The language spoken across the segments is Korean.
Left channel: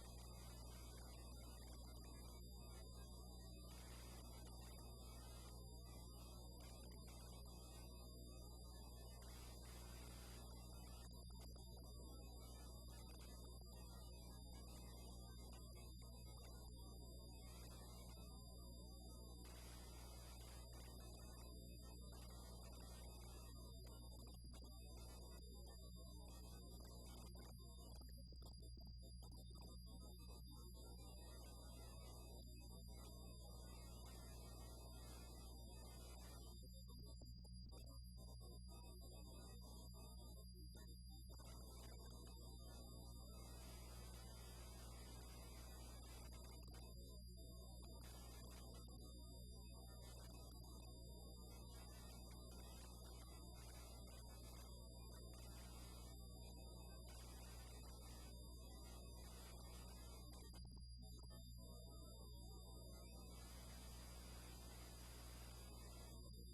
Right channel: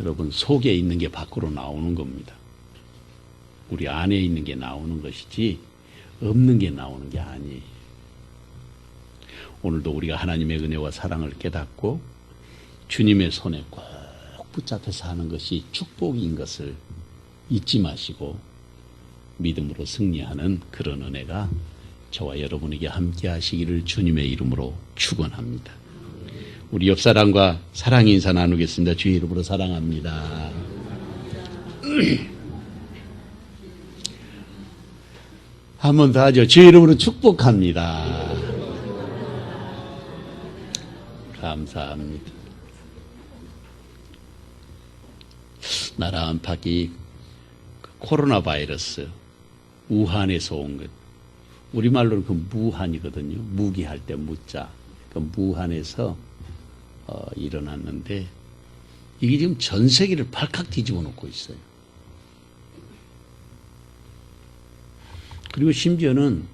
여러분, 속에 있는 게 밖으로 나오는 겁니다. 우리 안에 있는 게 나오는 것이지 없는 게 나오는 게 아니에요. 오늘도 우리가 하나님의 은혜와 사랑을 깨닫고 주님의 손에 꼭 붙잡혀서 하는 것이 축복인 것을 잊지 마시고 믿음으로 승리하는 그런 은혜가 저와 여러분에게 함께 하시기를 주님의 이름으로 축원합니다. 우리 옆사람과 사랑 인사 나누겠습니다. 주의 이름으로 사랑합니다. 한 번 더 하죠. 주의 이름으로 축복합니다. 감사합니다. 나라 안팎이 코로나 바이러스 우한에서 온 것, 우리말로는 그 무한이거든요. 무기할 때 무자. 그 무한에서 일어났는데 이게 지금 전 세계를 발칵 뒤집어 놓고 있어요. 그리고 심지어는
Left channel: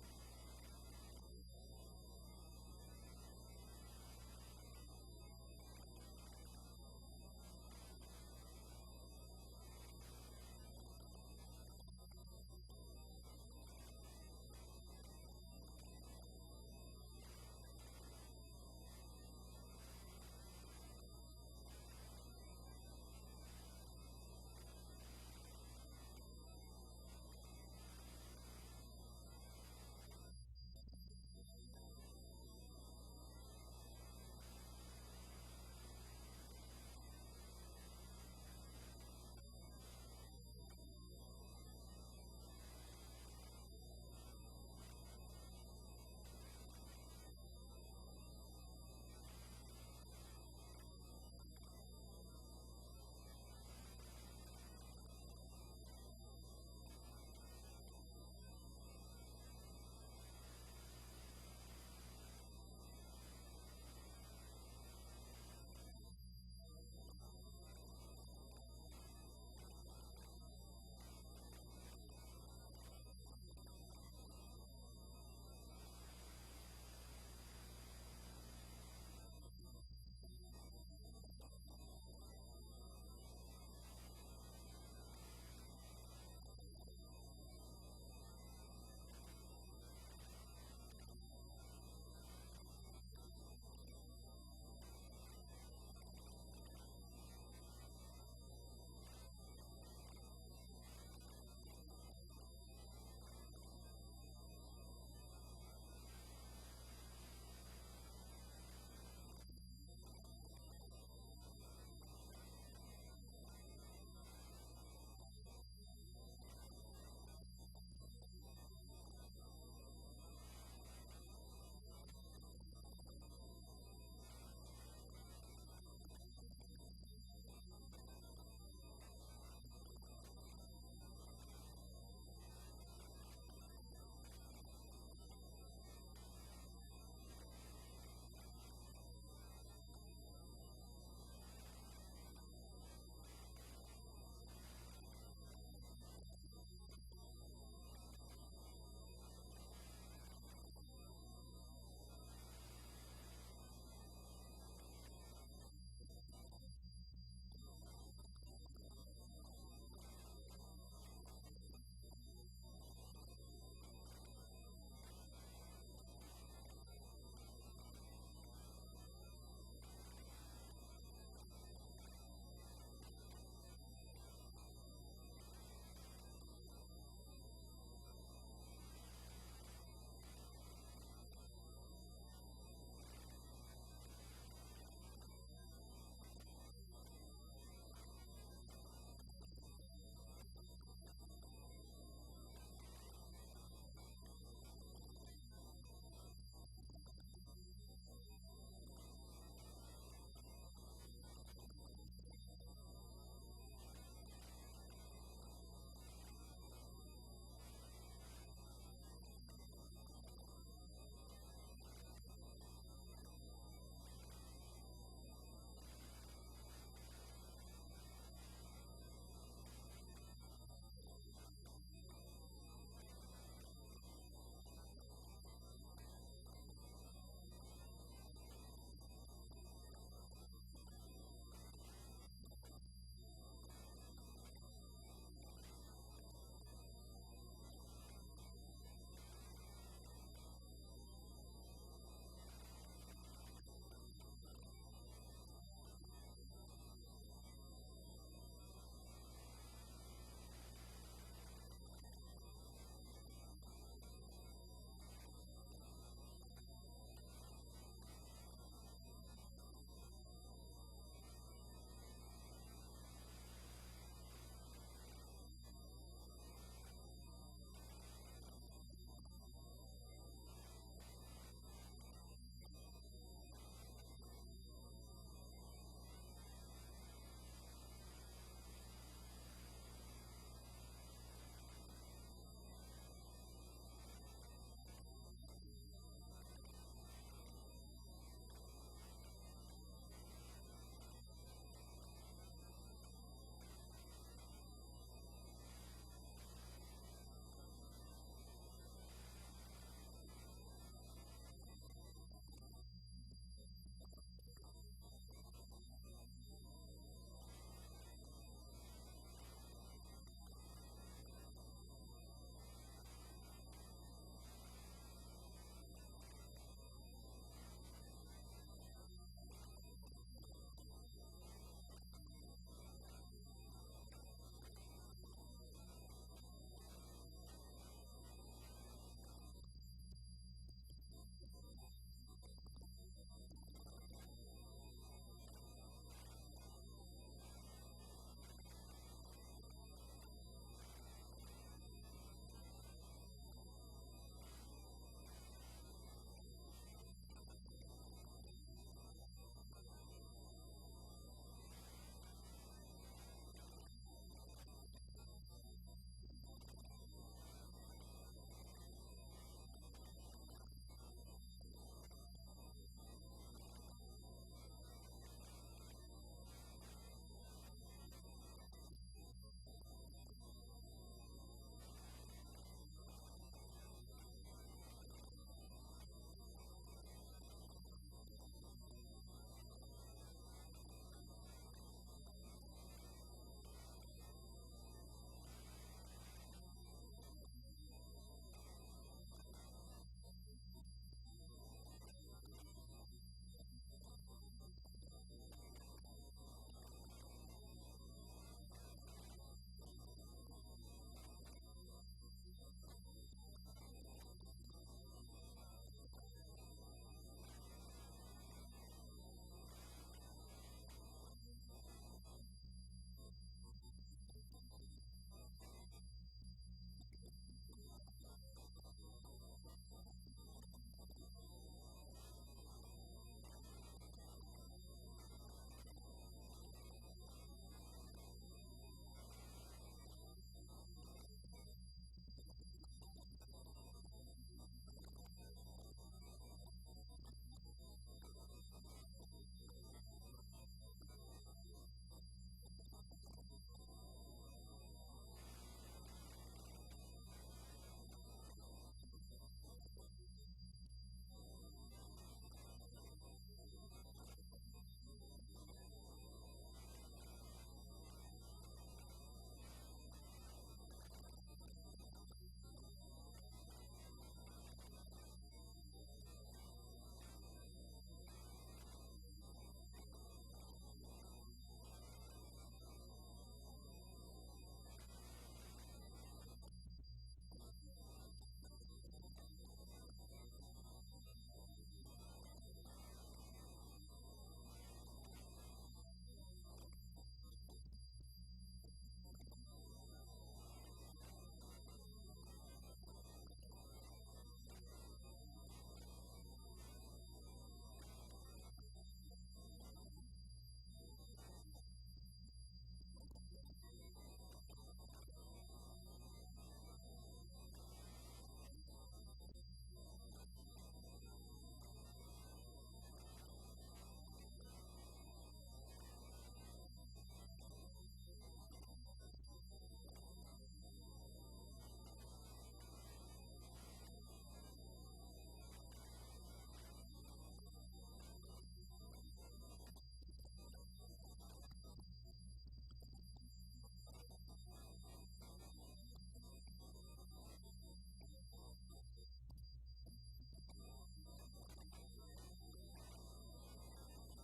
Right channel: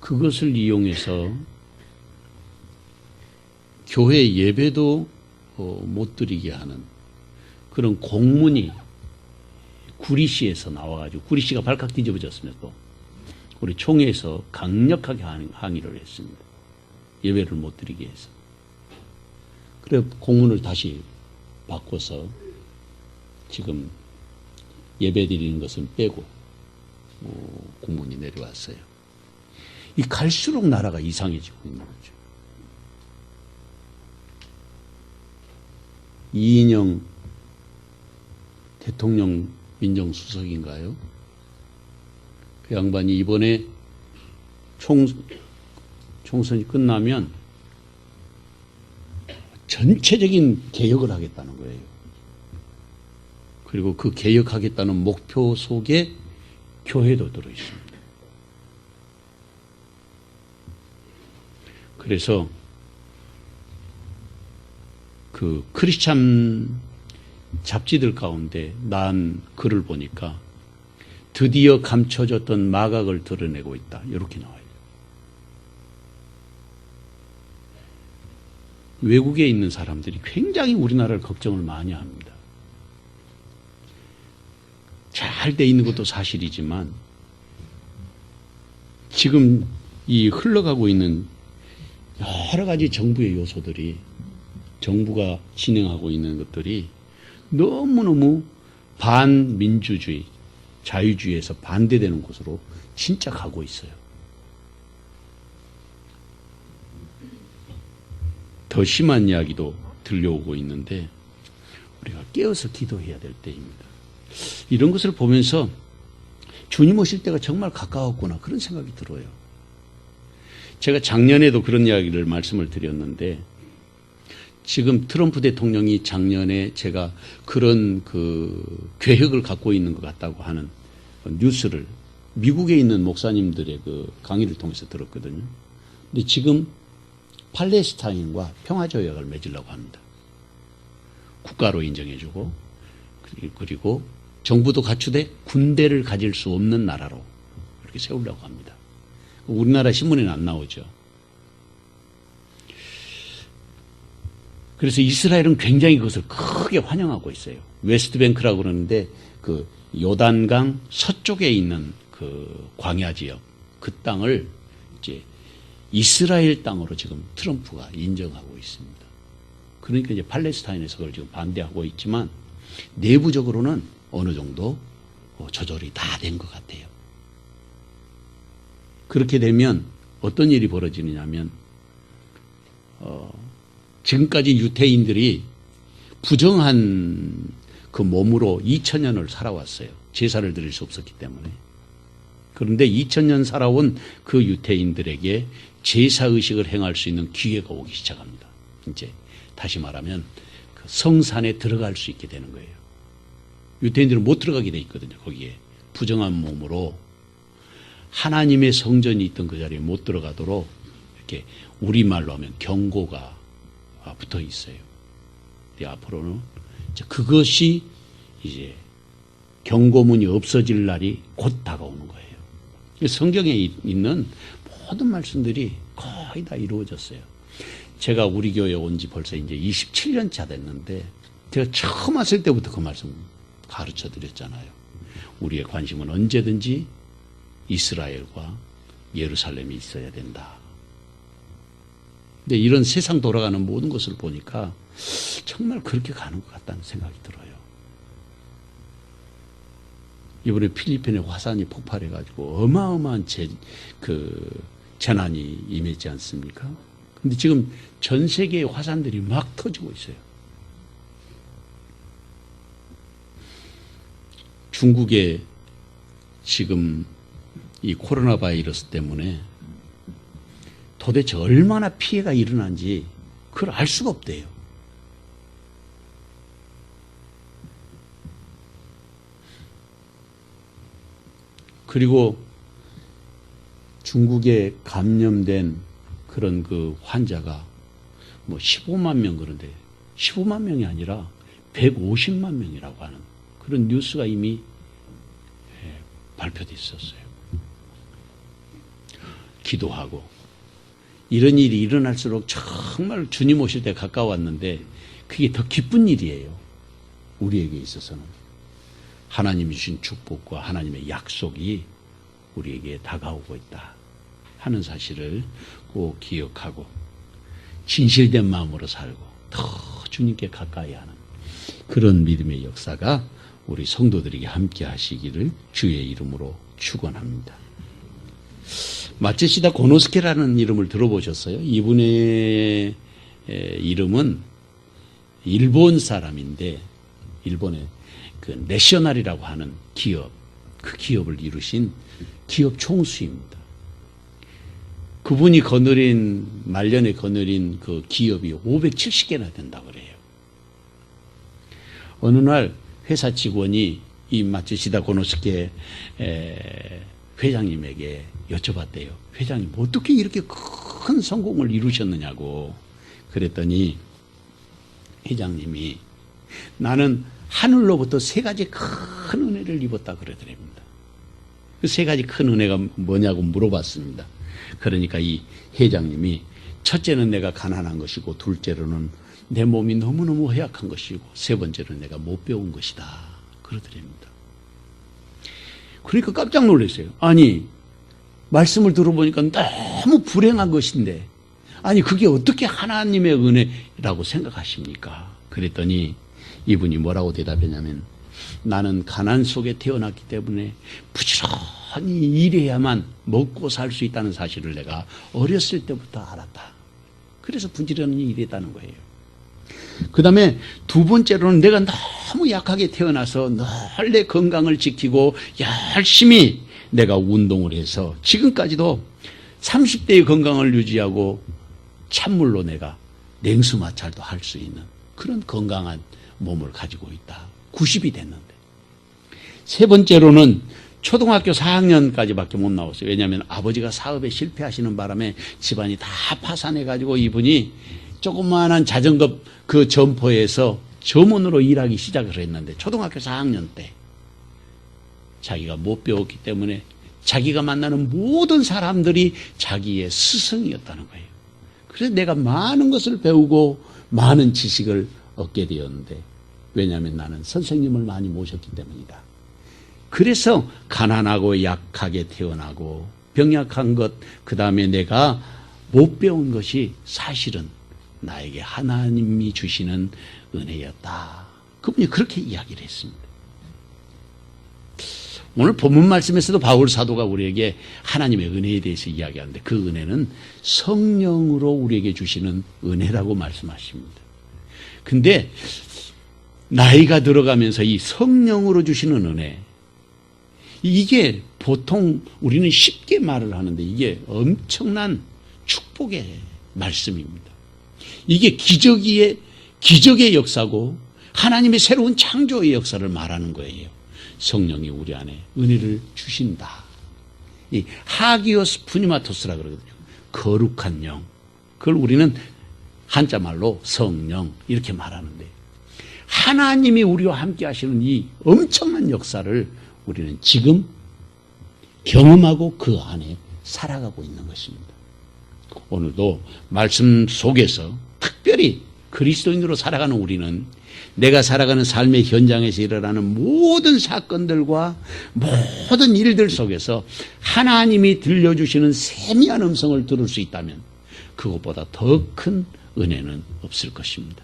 그것을 이용해서 교회 예배도 못 드리게 하는 그런 공문이 구리시에서 나와가지고, 구리시가 발칵 뒤집어졌습니다. 또 우리 총회에서 강력하게 항의를 했습니다. 예배를 못 드리게 해서. 그래 공문을 다시 바꿔서 지금 예배 드리는 것은 빼고 공문이 내려왔어요. 이 갈수록 나라가 이상해지고 있는 거죠. 이인영 대통령 민정수석인가요? 그 양반이 이번에 총선이 끝나면 전체적인 개혁을 하겠다는 거예요. 그리고 그 개혁하겠다는 목표 속에 교회도 들어있습니다. 그래서 그 크리스찬 잡지들 가운데 난 글을 보니까 드디어 감춰졌던 마각을 드러내고 있다. 이렇게 나와요. 외국에 있는 사람들이 굉장히 우리나라를 걱정을 많이 합니다. 잘 돼 있는 것도 사실이지만 지금 이 흘러가고 있는 여러 가지 정부의 요소들이, 정부가 진행하고 있는 것들이 너무너무 반민주주의, 자유주의에서 반대되는 곳으로 진짜 가고 있어요. 더 심한 이야기도 들려오고 있는데 우리가 깨어서 기도해야 될 때입니다. 이런 것을 보면서 주님 오실 때가 정말 가까웠구나, 그런 생각이 들어요. 제가 작년에도 그런 이야기를 말씀을 드렸는데, 지금 트럼프 대통령이 작년에 제가 그런 그 계획을 갖고 있는 것 같다고 하는 뉴스를 미국에 있는 목사님들의 그 강의를 통해서 들었거든요. 근데 지금 팔레스타인과 평화조약을 맺으려고 합니다. 국가로 인정해주고, 그리고 정부도 갖추되 군대를 가질 수 없는 나라로 이렇게 세우려고 합니다. 우리나라 신문에는 안 나오죠. 그래서 이스라엘은 굉장히 그것을 크게 환영하고 있어요. 웨스트뱅크라고 그러는데 그 요단강 서쪽에 있는 그 광야 지역, 그 땅을 이제 이스라엘 땅으로 지금 트럼프가 인정하고 있습니다. 그러니까 이제 팔레스타인에서 그걸 지금 반대하고 있지만 내부적으로는 어느 정도 조절이 다 된 것 같아요. 그렇게 되면 어떤 일이 벌어지느냐면 지금까지 유태인들이 부정한 그 몸으로 2000년을 살아왔어요. 제사를 드릴 수 없었기 때문에. 그런데 2000년 살아온 그 유태인들에게 제사의식을 행할 수 있는 기회가 오기 시작합니다. 이제 다시 말하면 그 성산에 들어갈 수 있게 되는 거예요. 유태인들은 못 들어가게 돼 있거든요. 거기에 부정한 몸으로 하나님의 성전이 있던 그 자리에 못 들어가도록 이렇게 우리말로 하면 경고가 붙어 있어요. 앞으로는 그것이 이제 경고문이 없어질 날이 곧 다가오는 거예요. 성경에 있는 모든 말씀들이 거의 다 이루어졌어요. 제가 우리 교회에 온 지 벌써 이제 27년 차 됐는데 제가 처음 왔을 때부터 그 말씀 가르쳐 드렸잖아요. 우리의 관심은 언제든지 이스라엘과 예루살렘이 있어야 된다. 근데 이런 세상 돌아가는 모든 것을 보니까 정말 그렇게 가는 것 같다는 생각이 들어요. 이번에 필리핀에 화산이 폭발해가지고 어마어마한 재난이 임했지 않습니까? 근데 지금 전 세계의 화산들이 막 터지고 있어요. 중국에 지금 이 코로나 바이러스 때문에 도대체 얼마나 피해가 일어난지 그걸 알 수가 없대요. 그리고 중국에 감염된 그런 그 환자가 뭐 15만 명 그런데 15만 명이 아니라 150만 명이라고 하는 그런 뉴스가 이미 발표돼 있었어요. 기도하고 이런 일이 일어날수록 정말 주님 오실 때 가까웠는데 그게 더 기쁜 일이에요. 우리에게 있어서는 하나님이 주신 축복과 하나님의 약속이 우리에게 다가오고 있다 하는 사실을 꼭 기억하고 진실된 마음으로 살고 더 주님께 가까이 하는 그런 믿음의 역사가 우리 성도들에게 함께 하시기를 주의 이름으로 축원합니다. 마츠시다 고노스케라는 이름을 들어보셨어요? 이분의 이름은 일본 사람인데 일본의 그 내셔널이라고 하는 기업, 그 기업을 이루신 기업 총수입니다. 그분이 말년에 거느린 그 기업이 570개나 된다고 그래요. 어느 날 회사 직원이 이 마츠시다 고노스케 회장님에게 여쭤봤대요. 회장님 어떻게 이렇게 큰 성공을 이루셨느냐고. 그랬더니 회장님이 나는 하늘로부터 3가지 큰 은혜를 입었다 그러더랍니다. 그 3가지 큰 은혜가 뭐냐고 물어봤습니다. 그러니까 이 회장님이 첫째는 내가 가난한 것이고 둘째로는 내 몸이 너무너무 허약한 것이고 세 번째로는 내가 못 배운 것이다 그러더랍니다. 그러니까 깜짝 놀랐어요. 아니 말씀을 들어보니까 너무 불행한 것인데 아니 그게 어떻게 하나님의 은혜라고 생각하십니까? 그랬더니 이분이 뭐라고 대답했냐면 나는 가난 속에 태어났기 때문에 부지런히 일해야만 먹고 살 수 있다는 사실을 내가 어렸을 때부터 알았다. 그래서 부지런히 일했다는 거예요. 그 다음에 두 번째로는 내가 너무 약하게 태어나서 늘 내 건강을 지키고 열심히 내가 운동을 해서 지금까지도 30대의 건강을 유지하고 찬물로 내가 냉수 마찰도 할 수 있는 그런 건강한 몸을 가지고 있다. 90이 됐는데. 세 번째로는 초등학교 4학년까지밖에 못 나왔어요. 왜냐하면 아버지가 사업에 실패하시는 바람에 집안이 다 파산해가지고 이분이 조그마한 자전거 그 점포에서 점원으로 일하기 시작을 했는데 초등학교 4학년 때 자기가 못 배웠기 때문에 자기가 만나는 모든 사람들이 자기의 스승이었다는 거예요. 그래서 내가 많은 것을 배우고 많은 지식을 얻게 되었는데 왜냐하면 나는 선생님을 많이 모셨기 때문이다. 그래서 가난하고 약하게 태어나고 병약한 것, 그 다음에 내가 못 배운 것이 사실은 나에게 하나님이 주시는 은혜였다. 그분이 그렇게 이야기를 했습니다. 오늘 본문 말씀에서도 바울 사도가 우리에게 하나님의 은혜에 대해서 이야기하는데 그 은혜는 성령으로 우리에게 주시는 은혜라고 말씀하십니다. 근데 나이가 들어가면서 이 성령으로 주시는 은혜, 이게 보통 우리는 쉽게 말을 하는데 이게 엄청난 축복의 말씀입니다. 이게 기적의 역사고 하나님의 새로운 창조의 역사를 말하는 거예요. 성령이 우리 안에 은혜를 주신다. 이 하기오스 푸니마토스라 그러거든요. 거룩한 영. 그걸 우리는 한자말로 성령 이렇게 말하는데 하나님이 우리와 함께 하시는 이 엄청난 역사를 우리는 지금 경험하고 그 안에 살아가고 있는 것입니다. 오늘도 말씀 속에서 특별히 그리스도인으로 살아가는 우리는 내가 살아가는 삶의 현장에서 일어나는 모든 사건들과 모든 일들 속에서 하나님이 들려주시는 세미한 음성을 들을 수 있다면 그것보다 더 큰 은혜는 없을 것입니다.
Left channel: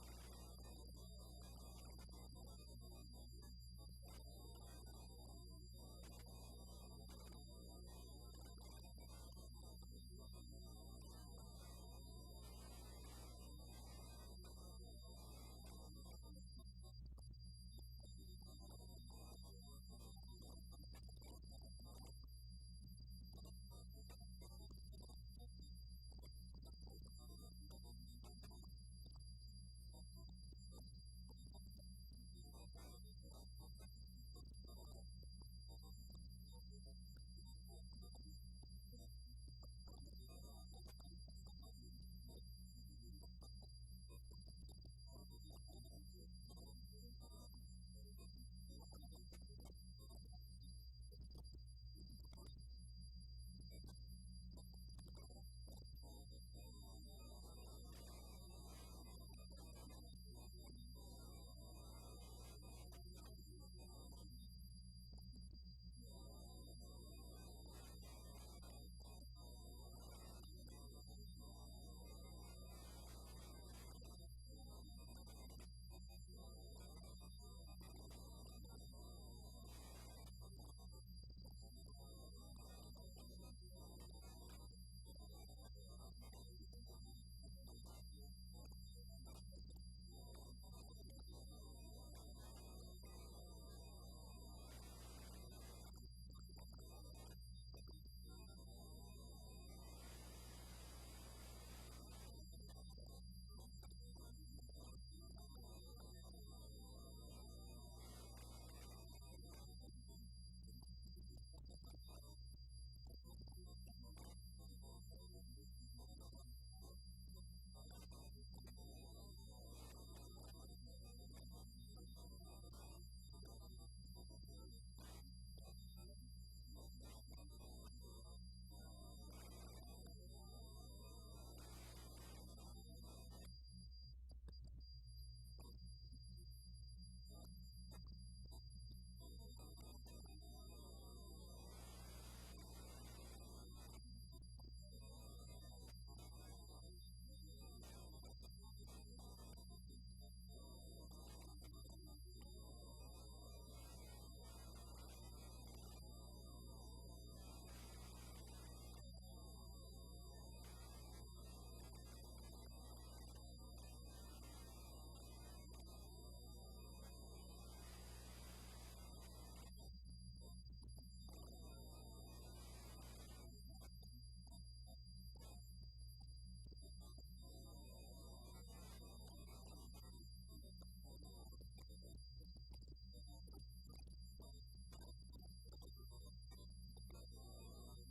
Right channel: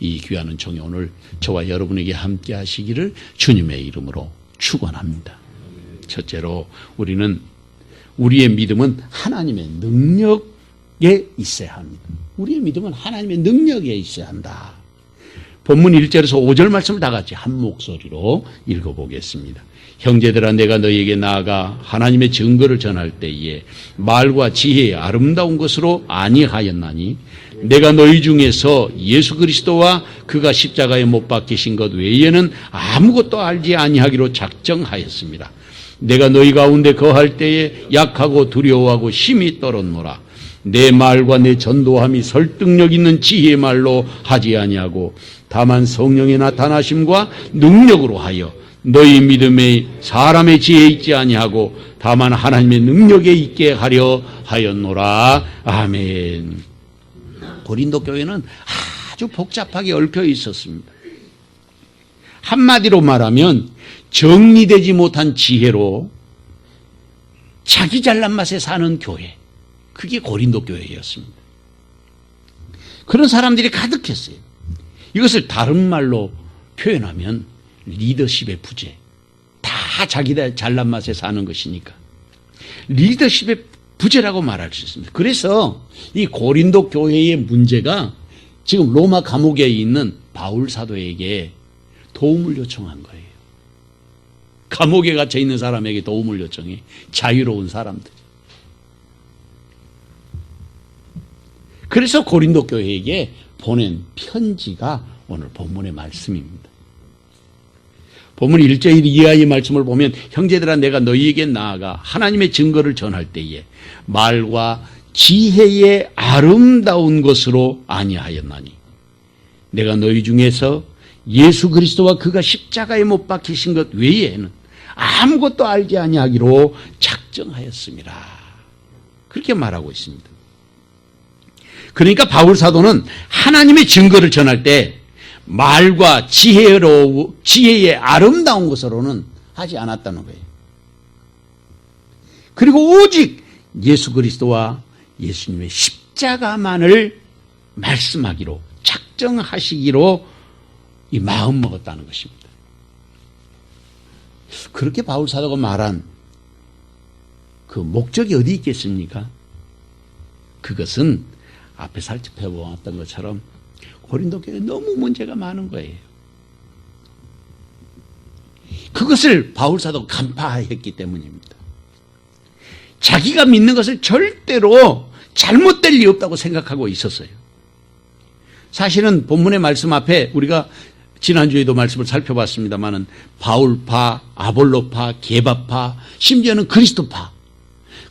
이 귀한 은총이 오늘 저와 여러분에게 함께 하시기를 주님의 이름으로 축원합니다. 첫째로 우리의 믿음은 하나님의 능력에 있어야 합니다. 우리의 믿음은 하나님의 능력에 있어야 한다. 본문 1절에서 5절 말씀을 다 같이 한 목소리로 읽어보겠습니다. 형제들아, 내가 너희에게 나아가 하나님의 증거를 전할 때에 말과 지혜의 아름다운 것으로 아니하였나니 내가 너희 중에서 예수 그리스도와 그가 십자가에 못 박히신 것 외에는 아무것도 알지 아니하기로 작정하였습니다. 내가 너희 가운데 거할 때에 약하고 두려워하고 심히 떨었노라. 내 말과 내 전도함이 설득력 있는 지혜의 말로 하지 아니하고 다만 성령의 나타나심과 능력으로 하여 너희 믿음에 사람의 지혜에 있지 아니하고 다만 하나님의 능력에 있게 하려 하였노라. 아멘. 고린도 교회는 아주 복잡하게 얽혀 있었습니다. 한마디로 말하면 정리되지 못한 지혜로 자기 잘난 맛에 사는 교회, 그게 고린도 교회였습니다. 그런 사람들이 가득했어요. 이것을 다른 말로 표현하면 리더십의 부재, 다 자기 잘난 맛에 사는 것이니까 리더십의 부재라고 말할 수 있습니다. 그래서 이 고린도 교회의 문제가 지금 로마 감옥에 있는 바울 사도에게 도움을 요청한 거예요. 감옥에 갇혀 있는 사람에게 도움을 요청해. 자유로운 사람들. 그래서 고린도 교회에게 보낸 편지가 오늘 본문의 말씀입니다. 본문 1절 이하의 말씀을 보면 형제들아, 내가 너희에게 나아가 하나님의 증거를 전할 때에 말과 지혜의 아름다운 것으로 아니하였나니 내가 너희 중에서 예수 그리스도와 그가 십자가에 못 박히신 것 외에는 아무것도 알지 아니하기로 작정하였습니다. 그렇게 말하고 있습니다. 그러니까 바울 사도는 하나님의 증거를 전할 때 말과 지혜의 아름다운 것으로는 하지 않았다는 거예요. 그리고 오직 예수 그리스도와 예수님의 십자가만을 말씀하기로 작정하시기로 이 마음 먹었다는 것입니다. 그렇게 바울 사도가 말한 그 목적이 어디 있겠습니까? 그것은 앞에 살펴보았던 것처럼 고린도 교회에 너무 문제가 많은 거예요. 그것을 바울 사도가 간파했기 때문입니다. 자기가 믿는 것을 절대로 잘못될 리 없다고 생각하고 있었어요. 사실은 본문의 말씀 앞에 우리가 지난주에도 말씀을 살펴봤습니다마는 바울파, 아볼로파, 게바파, 심지어는 그리스도파.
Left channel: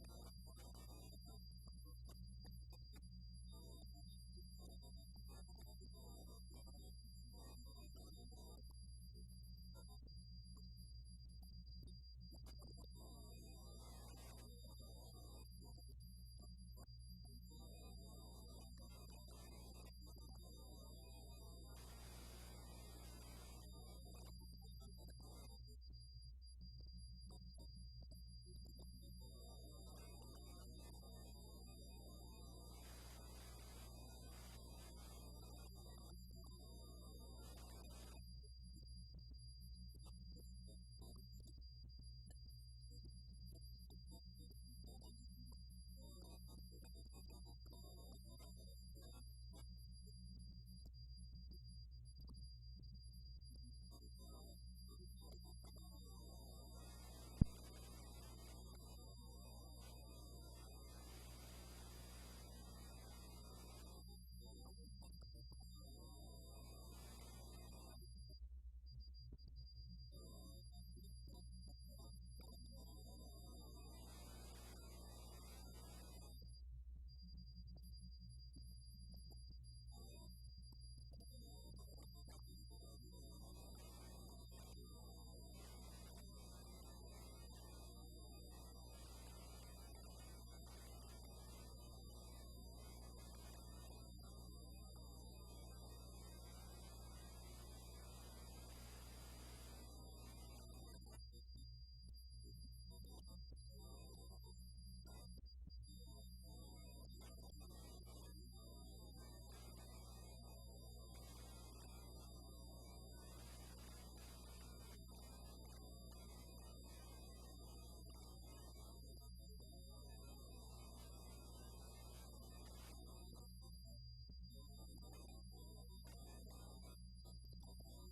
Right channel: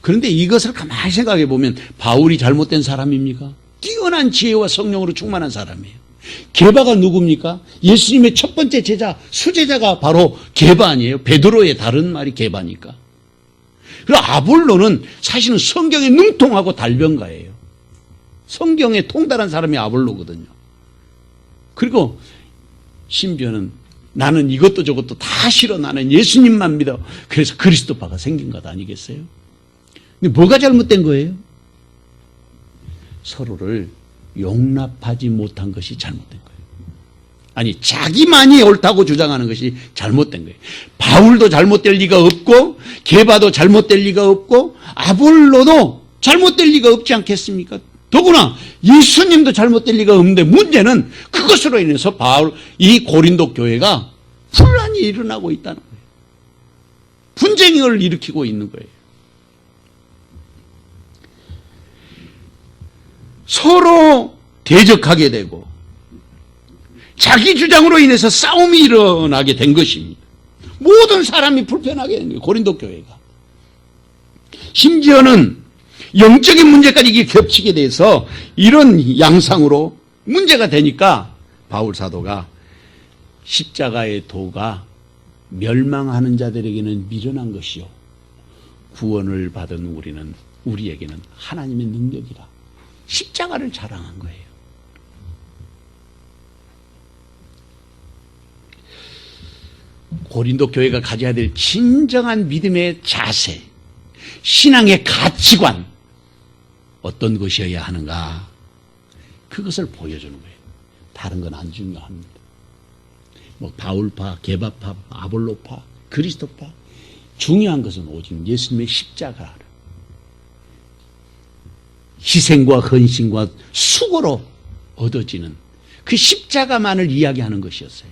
그런데 이것을 가만히 생각해 보면 바울이 잘못된 사람입니까? 뛰어난 지혜와 성령으로 충만한 사람이에요. 게바가 누굽니까? 예수님의 첫 번째 제자, 수제자가 바로 게바 아니에요? 베드로의 다른 말이 게바니까. 그리고 아볼로는 사실은 성경에 능통하고 달변가예요. 성경에 통달한 사람이 아볼로거든요. 그리고 심지어는 나는 이것도 저것도 다 싫어. 나는 예수님만 믿어. 그래서 그리스도파가 생긴 것 아니겠어요? 근데 뭐가 잘못된 거예요? 서로를 용납하지 못한 것이 잘못된 거예요. 아니, 자기만이 옳다고 주장하는 것이 잘못된 거예요. 바울도 잘못될 리가 없고 게바도 잘못될 리가 없고 아볼로도 잘못될 리가 없지 않겠습니까? 더구나 예수님도 잘못될 리가 없는데 문제는 그것으로 인해서 이 고린도 교회가 분란이 일어나고 있다는 거예요. 분쟁을 일으키고 있는 거예요. 서로 대적하게 되고 자기 주장으로 인해서 싸움이 일어나게 된 것입니다. 모든 사람이 불편하게 된 거예요. 고린도 교회가. 심지어는 영적인 문제까지 이게 겹치게 돼서 이런 양상으로 문제가 되니까 바울 사도가 십자가의 도가 멸망하는 자들에게는 미련한 것이요 구원을 받은 우리에게는 하나님의 능력이라 십자가를 자랑한 거예요. 고린도 교회가 가져야 될 진정한 믿음의 자세, 신앙의 가치관, 어떤 것이어야 하는가, 그것을 보여주는 거예요. 다른 건 안 중요합니다. 뭐 바울파, 게바파, 아볼로파, 그리스도파, 중요한 것은 오직 예수님의 십자가, 희생과 헌신과 수고로 얻어지는 그 십자가만을 이야기하는 것이었어요.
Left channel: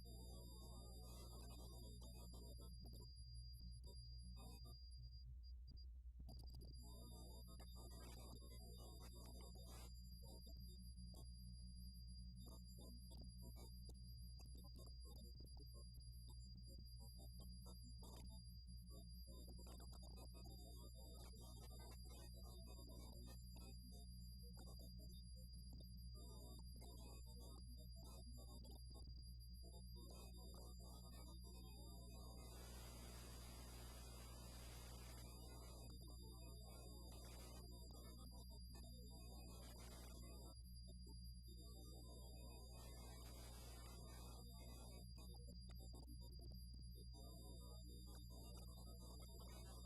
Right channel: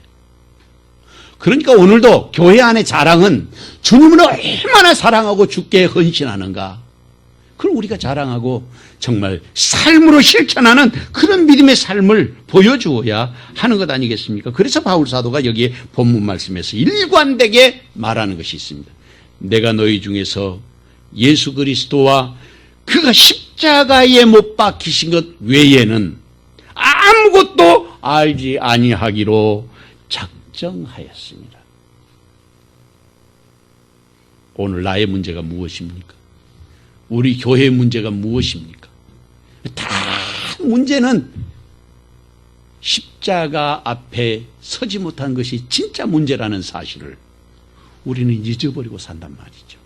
그러니까 오늘도 교회 안의 자랑은 주님을 얼마나 사랑하고 주께 헌신하는가, 그걸 우리가 자랑하고 정말 삶으로 실천하는 그런 믿음의 삶을 보여주어야 하는 것 아니겠습니까? 그래서 바울 사도가 여기에 본문 말씀에서 일관되게 말하는 것이 있습니다. 내가 너희 중에서 예수 그리스도와 그가 십자가에 못 박히신 것 외에는 아무것도 알지 아니하기로 작정하였습니다. 오늘 나의 문제가 무엇입니까? 우리 교회의 문제가 무엇입니까? 다 문제는 십자가 앞에 서지 못한 것이 진짜 문제라는 사실을 우리는 잊어버리고 산단 말이죠.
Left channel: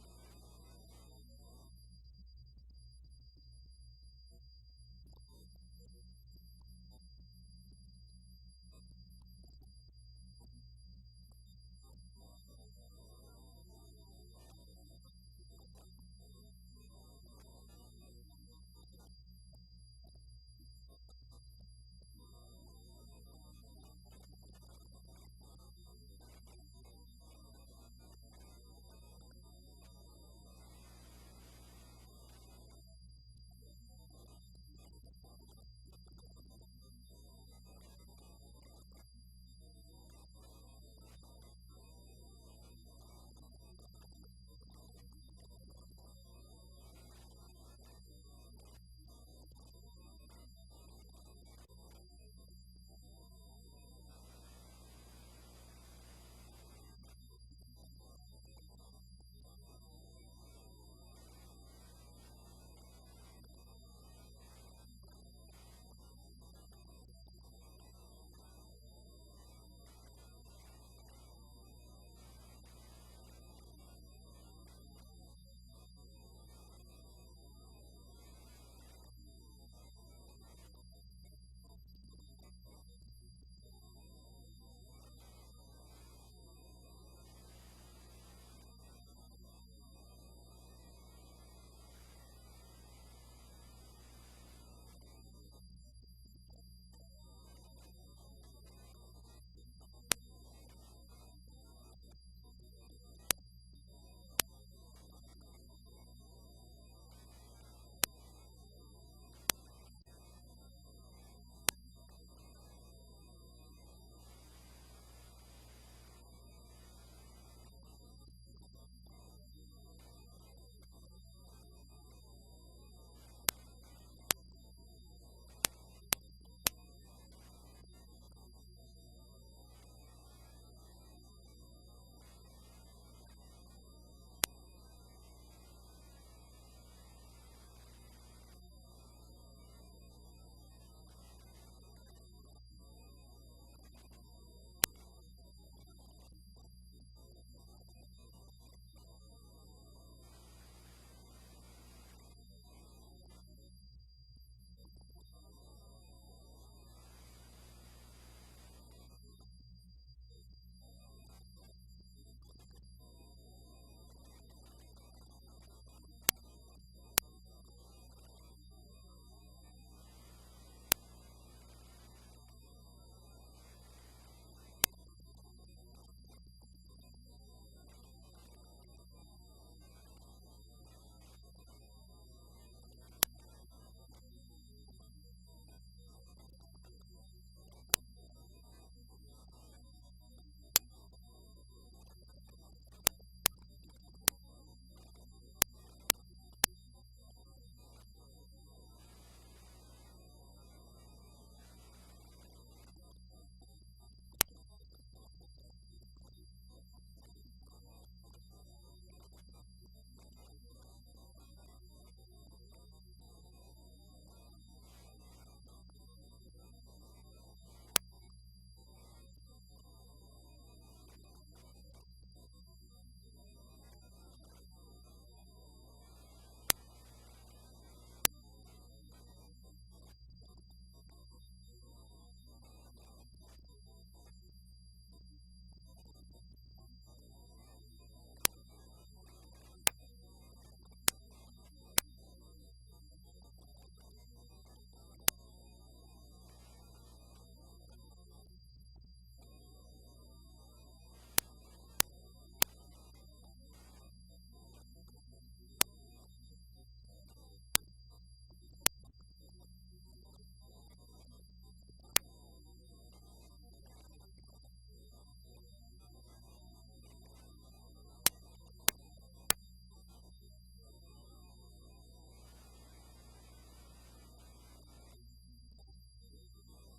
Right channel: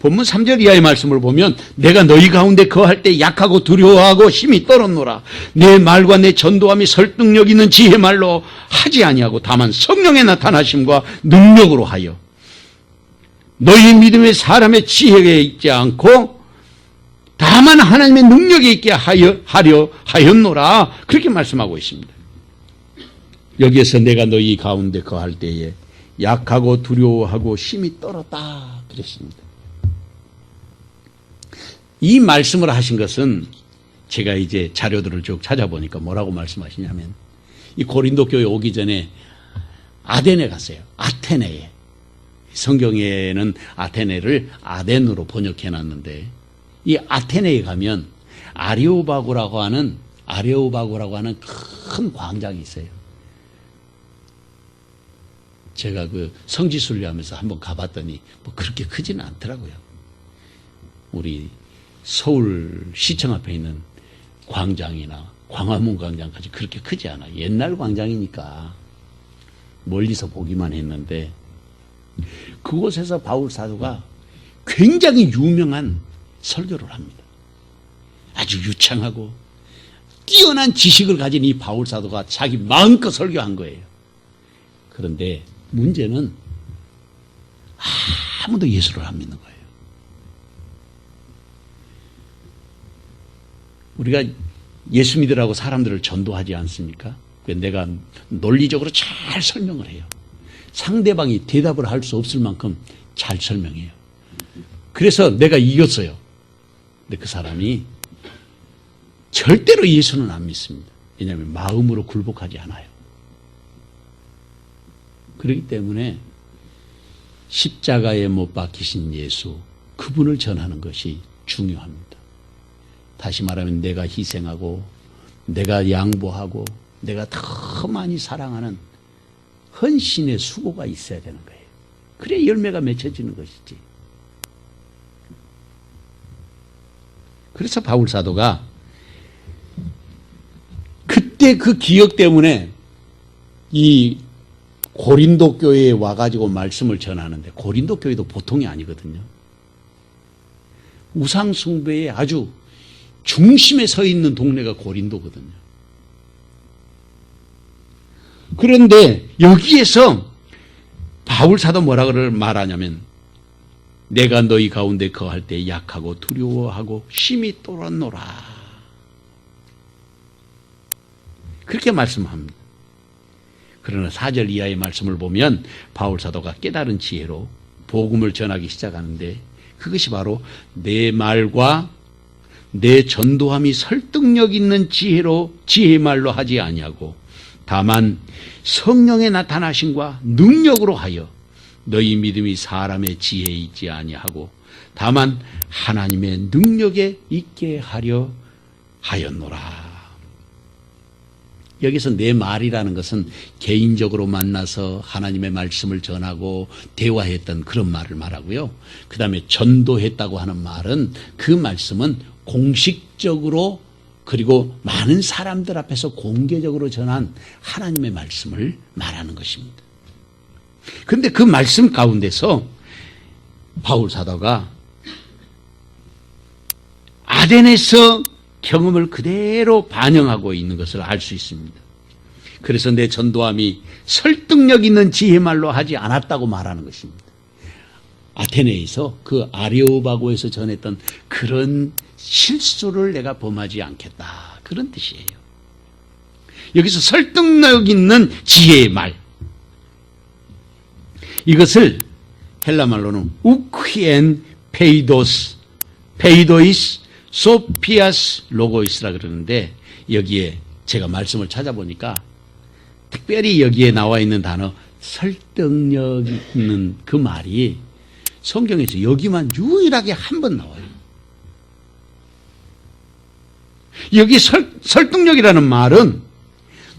본문 3절 이하의 말씀을 보면 내가 너희 가운데 거할 때 약하고 두려워하고 힘이 떨었노라. 내 말과 내 전도함이 설득력 있는 지혜 말로 하지 아니하고 다만 성령의 나타나심과 능력으로 하여 너희 믿음의 사람의 지혜에 있지 않고 다만 하나님의 능력에 있게 하려 하였노라. 그렇게 말씀하고 있습니다. 여기에서 내가 너희 가운데 거할 때에 약하고 두려워하고 힘이 떨었다 그랬습니다. 이 말씀을 하신 것은 제가 이제 자료들을 쭉 찾아보니까 뭐라고 말씀하시냐면 이 고린도 교회 오기 전에 아덴에 갔어요. 아테네에. 성경에는 아테네를 아덴으로 번역해 놨는데 이 아테네에 가면 아레오바고라고 하는 큰 광장이 있어요. 제가 그 성지순례하면서 한번 가봤더니 뭐 그렇게 크지는 않더라고요. 우리 서울 시청 앞에 있는 광장이나 광화문 광장까지 그렇게 크지 않아요. 옛날 광장이니까 멀리서 보기만 했는데 그곳에서 바울 사도가 굉장히 유명한 설교를 합니다. 아주 유창하고 뛰어난 지식을 가진 이 바울 사도가 자기 마음껏 설교한 거예요. 그런데 문제는 아무도 예수를 안 믿는 거예요. 우리가 예수 믿으라고 사람들을 전도하지 않습니까? 내가 논리적으로 잘 설명을 해요. 상대방이 대답을 할 수 없을 만큼 잘 설명해요. 그래서 내가 이겼어요. 근데 그 사람이 절대로 예수는 안 믿습니다. 왜냐하면 마음으로 굴복하지 않아요. 그렇기 때문에 십자가에 못 박히신 예수, 그분을 전하는 것이 중요합니다. 다시 말하면 내가 희생하고 내가 양보하고 내가 더 많이 사랑하는 헌신의 수고가 있어야 되는 거예요. 그래야 열매가 맺혀지는 것이지. 그래서 바울 사도가 그때 그 기억 때문에 이 고린도 교회에 와가지고 말씀을 전하는데 고린도 교회도 보통이 아니거든요. 우상숭배의 아주 중심에 서 있는 동네가 고린도거든요. 그런데 여기에서 바울 사도 뭐라고 말하냐면 내가 너희 가운데 거할 때 약하고 두려워하고 심히 떨었노라. 그렇게 말씀합니다. 그러나 4절 이하의 말씀을 보면 바울 사도가 깨달은 지혜로 복음을 전하기 시작하는데 그것이 바로 내 말과 내 전도함이 설득력 있는 지혜의 말로 하지 아니하고 다만 성령의 나타나심과 능력으로 하여 너희 믿음이 사람의 지혜에 있지 아니하고 다만 하나님의 능력에 있게 하려 하였노라. 여기서 내 말이라는 것은 개인적으로 만나서 하나님의 말씀을 전하고 대화했던 그런 말을 말하고요. 그 다음에 전도했다고 하는 말은 그 말씀은 공식적으로 그리고 많은 사람들 앞에서 공개적으로 전한 하나님의 말씀을 말하는 것입니다. 그런데 그 말씀 가운데서 바울 사도가 아덴에서 경험을 그대로 반영하고 있는 것을 알 수 있습니다. 그래서 내 전도함이 설득력 있는 지혜말로 하지 않았다고 말하는 것입니다. 아테네에서 그 아레오바고에서 전했던 그런 실수를 내가 범하지 않겠다, 그런 뜻이에요. 여기서 설득력 있는 지혜의 말, 이것을 헬라말로는 우크엔 페이도이스 소피아스 로고이스라 그러는데, 여기에 제가 말씀을 찾아보니까 특별히 여기에 나와 있는 단어 설득력 있는 그 말이 성경에서 여기만 유일하게 한 번 나와요. 여기 설득력이라는 말은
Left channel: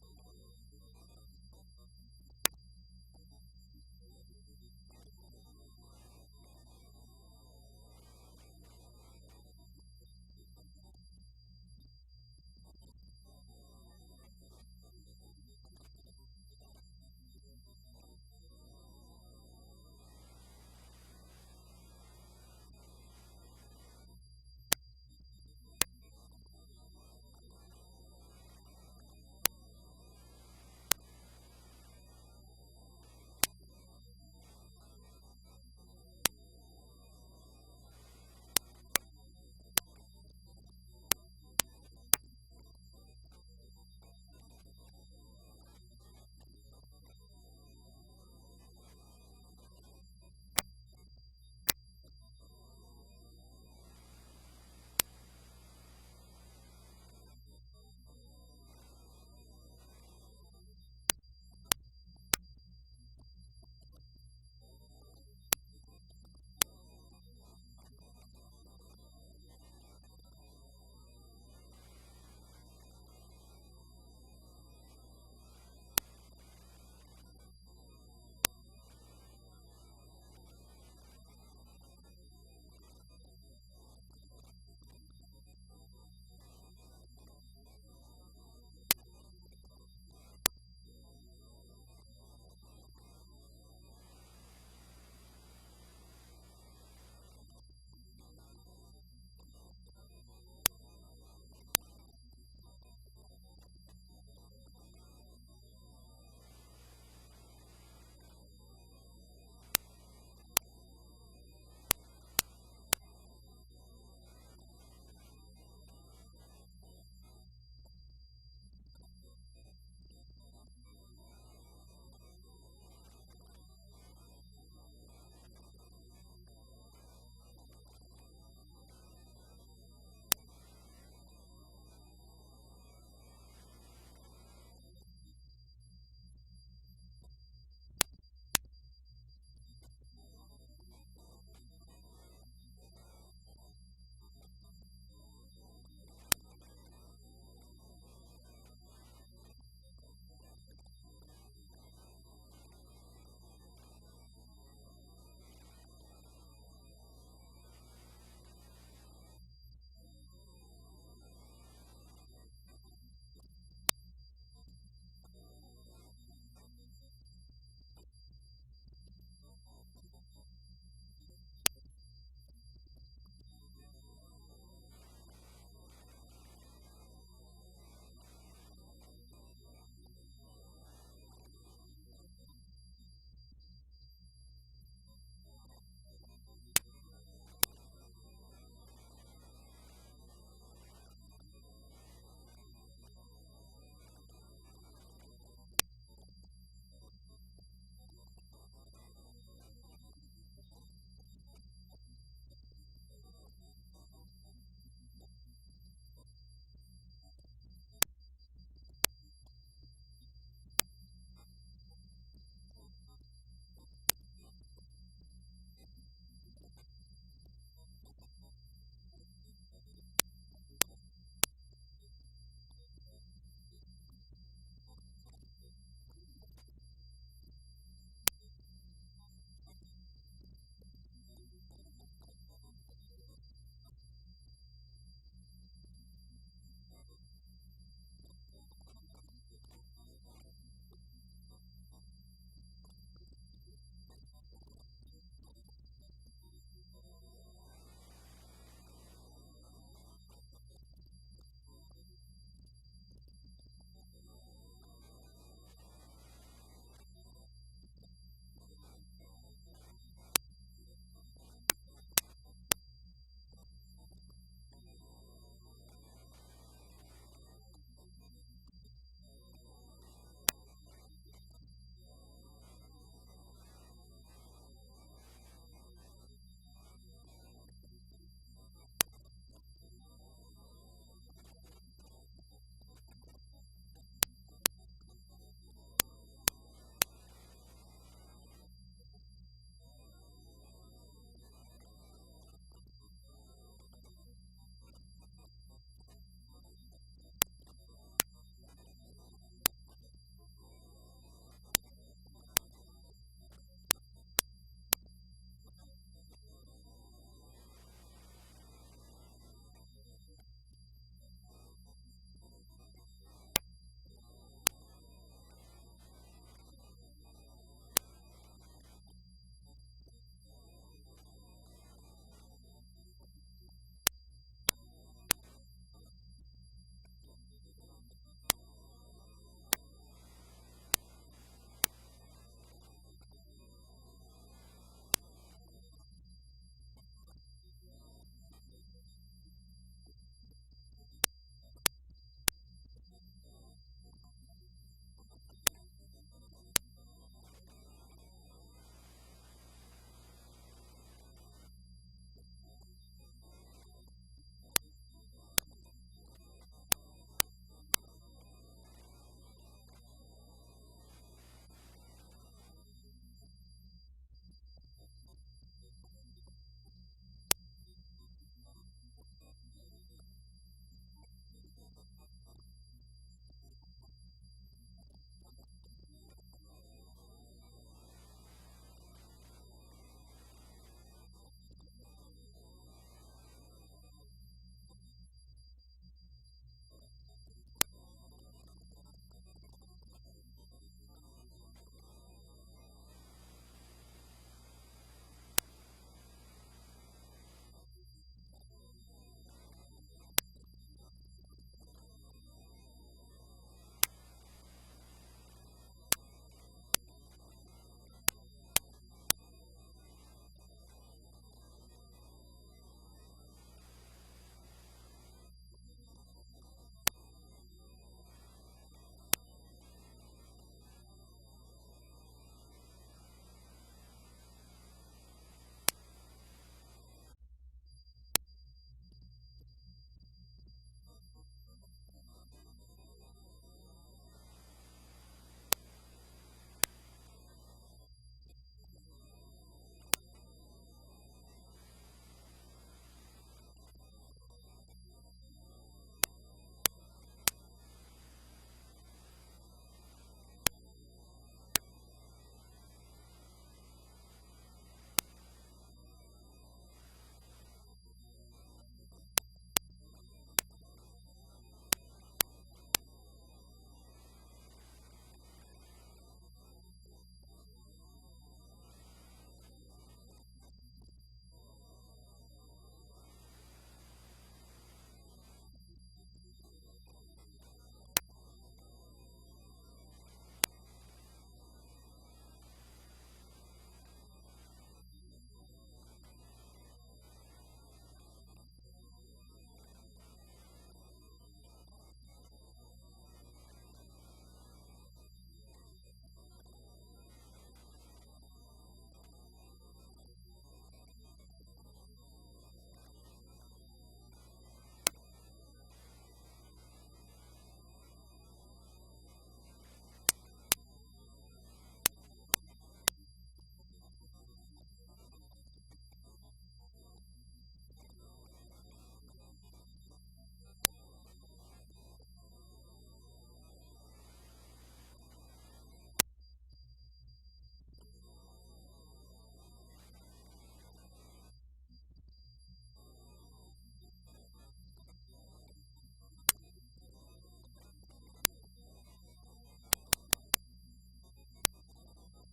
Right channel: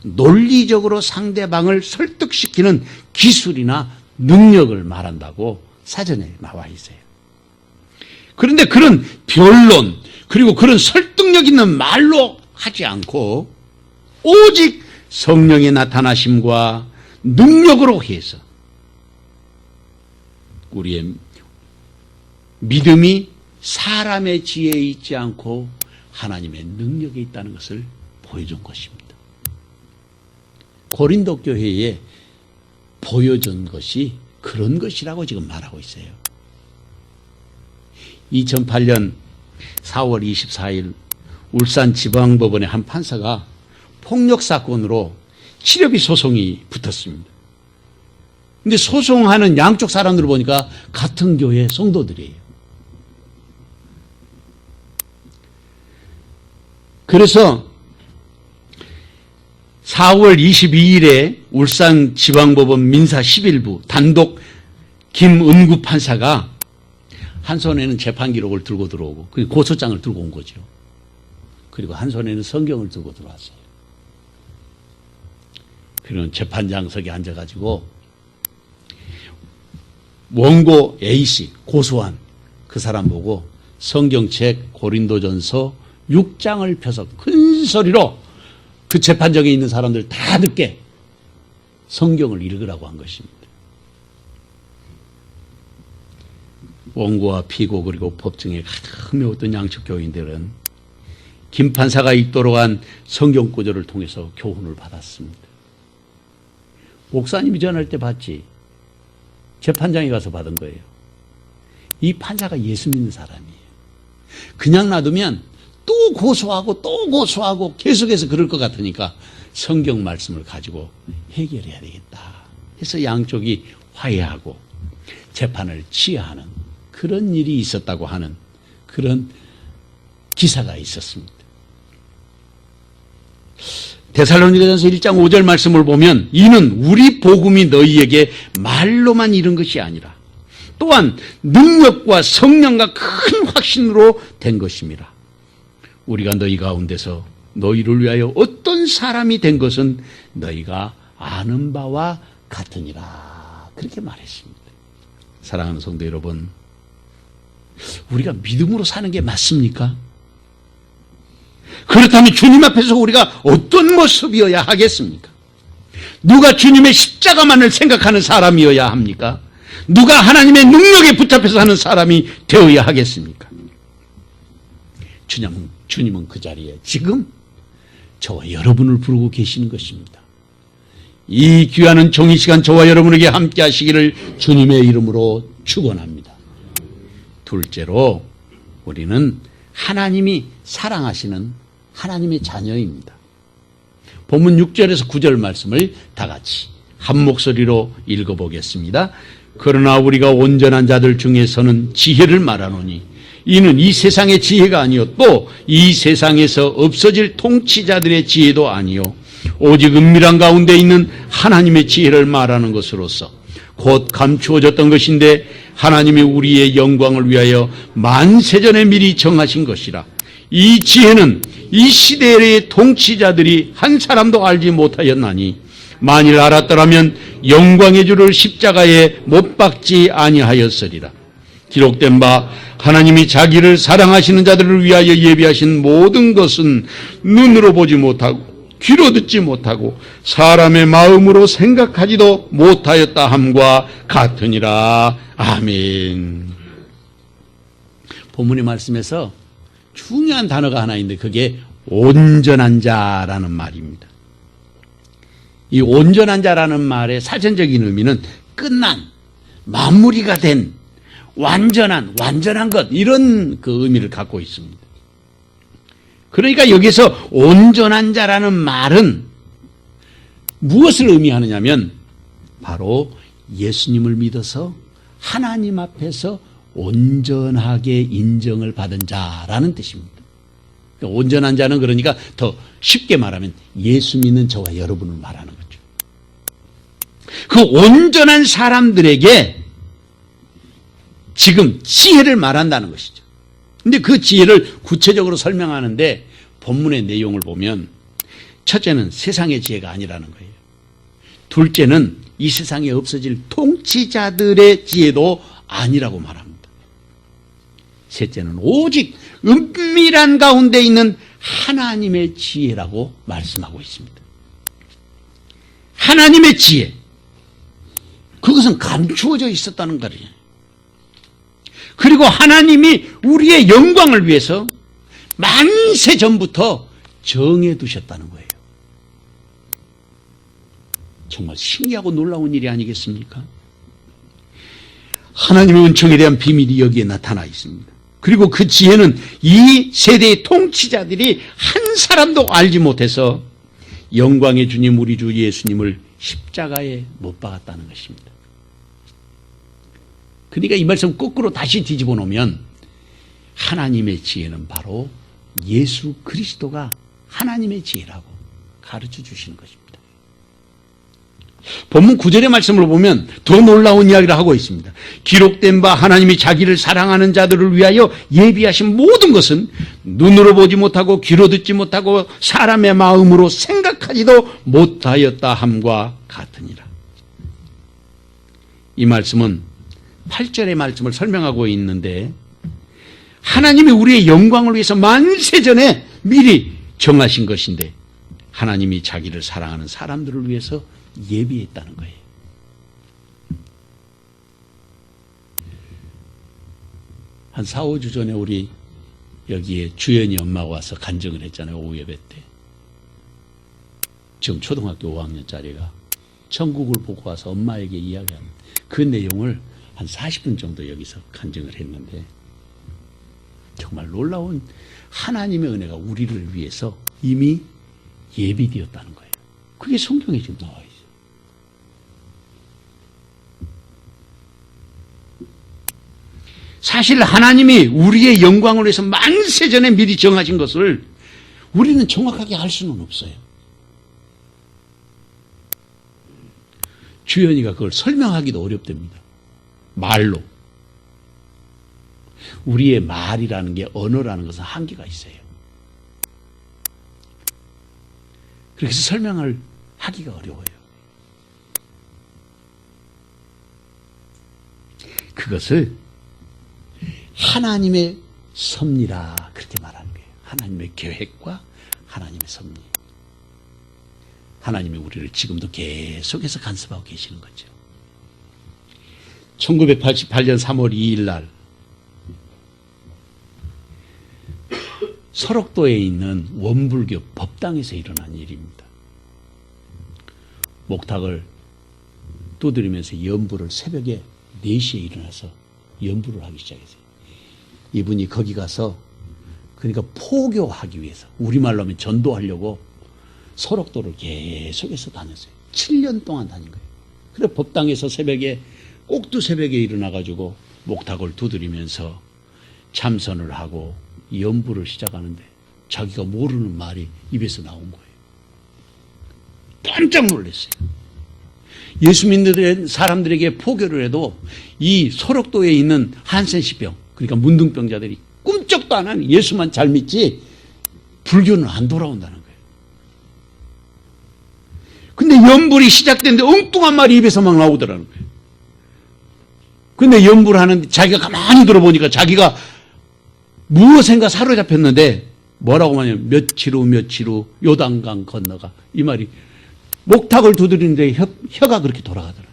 논리적으로 상대방을 설득시키는 기술이나 능력을 말한다고 사전에 나와 있어요. 그런데 그런 변론, 그리고 그런 설득력 있는 말로 하지 않고 오직 성령의 나타나심과 능력으로 해서 우리의 믿음이 사람의 지혜에 있지 않고 하나님의 능력에 있다는 것을 보여준 것입니다. 고린도 교회에 보여준 것이 그런 것이라고 지금 말하고 있어요. 2008년 4월 24일 울산지방법원의 한 판사가 폭력사건으로 치료비 소송이 붙었습니다. 근데 소송하는 양쪽 사람들을 보니까 같은 교회 성도들이에요. 그래서 4월 22일에 울산지방법원 민사 11부 단독 김은구 판사가 한 손에는 재판 기록을 들고 들어오고 그리고 고소장을 들고 온 거죠. 그리고 한 손에는 성경을 들고 들어왔어요. 그리고 재판장석에 앉아가지고 원고 A씨 고소한 그 사람 보고 성경책 고린도전서 6장을 펴서 큰 소리로 그 재판정에 있는 사람들 다 듣게 성경을 읽으라고 한 것입니다. 원고와 피고 그리고 법정에 가득 메웠던 양측 교인들은 김 판사가 읽도록 한 성경 구절을 통해서 교훈을 받았습니다. 목사님이 전할 때 봤지, 재판장에 가서 받은 거예요. 이 판사가 예수 믿는 사람이에요. 그냥 놔두면 또 고소하고 계속해서 그럴 것 같으니까 성경 말씀을 가지고 해결해야 되겠다 해서 양쪽이 화해하고 재판을 취하하는 그런 일이 있었다고 하는 그런 기사가 있었습니다. 데살로니가전서 1장 5절 말씀을 보면 이는 우리 복음이 너희에게 말로만 이른 것이 아니라 또한 능력과 성령과 큰 확신으로 된 것입니다. 우리가 너희 가운데서 너희를 위하여 어떤 사람이 된 것은 너희가 아는 바와 같으니라, 그렇게 말했습니다. 사랑하는 성도 여러분, 우리가 믿음으로 사는 게 맞습니까? 그렇다면 주님 앞에서 우리가 어떤 모습이어야 하겠습니까? 누가 주님의 십자가만을 생각하는 사람이어야 합니까? 누가 하나님의 능력에 붙잡혀서 하는 사람이 되어야 하겠습니까? 주님은 그 자리에 지금 저와 여러분을 부르고 계시는 것입니다. 이 귀한 종이 시간 저와 여러분에게 함께 하시기를 주님의 이름으로 축원합니다. 둘째로 우리는 하나님이 사랑하시는 하나님의 자녀입니다. 본문 6절에서 9절 말씀을 다 같이 한 목소리로 읽어보겠습니다. 그러나 우리가 온전한 자들 중에서는 지혜를 말하노니 이는 이 세상의 지혜가 아니요 또 이 세상에서 없어질 통치자들의 지혜도 아니요 오직 은밀한 가운데 있는 하나님의 지혜를 말하는 것으로서 곧 감추어졌던 것인데 하나님이 우리의 영광을 위하여 만세전에 미리 정하신 것이라. 이 지혜는 이 시대의 통치자들이 한 사람도 알지 못하였나니 만일 알았더라면 영광의 주를 십자가에 못 박지 아니하였으리라. 기록된 바 하나님이 자기를 사랑하시는 자들을 위하여 예비하신 모든 것은 눈으로 보지 못하고 귀로 듣지 못하고 사람의 마음으로 생각하지도 못하였다 함과 같으니라. 아멘. 본문의 말씀에서 중요한 단어가 하나 있는데 그게 온전한 자라는 말입니다. 이 온전한 자라는 말의 사전적인 의미는 끝난, 마무리가 된, 완전한 것, 이런 그 의미를 갖고 있습니다. 그러니까 여기서 온전한 자라는 말은 무엇을 의미하느냐면 바로 예수님을 믿어서 하나님 앞에서 온전하게 인정을 받은 자라는 뜻입니다. 그러니까 온전한 자는 그러니까 더 쉽게 말하면 예수 믿는 저와 여러분을 말하는 거죠. 그 온전한 사람들에게 지금 지혜를 말한다는 것이죠. 근데 그 지혜를 구체적으로 설명하는데 본문의 내용을 보면 첫째는 세상의 지혜가 아니라는 거예요. 둘째는 이 세상에 없어질 통치자들의 지혜도 아니라고 말합니다. 셋째는 오직 은밀한 가운데 있는 하나님의 지혜라고 말씀하고 있습니다. 하나님의 지혜. 그것은 감추어져 있었다는 거예요. 그리고 하나님이 우리의 영광을 위해서 만세 전부터 정해두셨다는 거예요. 정말 신기하고 놀라운 일이 아니겠습니까? 하나님의 은총에 대한 비밀이 여기에 나타나 있습니다. 그리고 그 지혜는 이 세대의 통치자들이 한 사람도 알지 못해서 영광의 주님 우리 주 예수님을 십자가에 못 박았다는 것입니다. 그러니까 이 말씀 거꾸로 다시 뒤집어 놓으면 하나님의 지혜는 바로 예수 그리스도가 하나님의 지혜라고 가르쳐 주시는 것입니다. 본문 9절의 말씀을 보면 더 놀라운 이야기를 하고 있습니다. 기록된 바 하나님이 자기를 사랑하는 자들을 위하여 예비하신 모든 것은 눈으로 보지 못하고 귀로 듣지 못하고 사람의 마음으로 생각하지도 못하였다 함과 같으니라. 이 말씀은 8절의 말씀을 설명하고 있는데 하나님이 우리의 영광을 위해서 만세전에 미리 정하신 것인데 하나님이 자기를 사랑하는 사람들을 위해서 예비했다는 거예요. 한 4, 5주 전에 우리 여기에 주연이 엄마가 와서 간증을 했잖아요. 오후 예배 때. 지금 초등학교 5학년짜리가 천국을 보고 와서 엄마에게 이야기하는 그 내용을 한 40분 정도 여기서 간증을 했는데 정말 놀라운 하나님의 은혜가 우리를 위해서 이미 예비되었다는 거예요. 그게 성경에 지금 나와 있어요. 사실 하나님이 우리의 영광을 위해서 만세전에 미리 정하신 것을 우리는 정확하게 알 수는 없어요. 주연이가 그걸 설명하기도 어렵답니다. 말로. 우리의 말이라는 게 언어라는 것은 한계가 있어요. 그래서 설명을 하기가 어려워요. 그것을 하나님의 섭리라 그렇게 말하는 거예요. 하나님의 계획과 하나님의 섭리. 하나님이 우리를 지금도 계속해서 간섭하고 계시는 거죠. 1988년 3월 2일 날 설옥도에 있는 원불교 법당에서 일어난 일입니다. 목탁을 두드리면서 연부를 새벽에 4시에 일어나서 연부를 하기 시작했어요. 이분이 거기 가서 그러니까 포교하기 위해서 우리말로 하면 전도하려고 설옥도를 계속해서 다녔어요. 7년 동안 다닌 거예요. 그래 법당에서 새벽에 꼭두 새벽에 일어나가지고 목탁을 두드리면서 참선을 하고 연부를 시작하는데 자기가 모르는 말이 입에서 나온 거예요. 깜짝 놀랐어요. 예수 믿는 사람들에게 포교를 해도 이 설옥도에 있는 한센시병 그러니까 문둥병자들이 꿈쩍도 안 하는 예수만 잘 믿지 불교는 안 돌아온다는 거예요. 근데 연불이 시작됐는데 엉뚱한 말이 입에서 막 나오더라는 거예요. 근데 연불을 하는데 자기가 가만히 들어보니까 자기가 무엇인가 사로잡혔는데 뭐라고 하냐면 며칠 후 요단강 건너가. 이 말이 목탁을 두드리는데 혀가 그렇게 돌아가더라.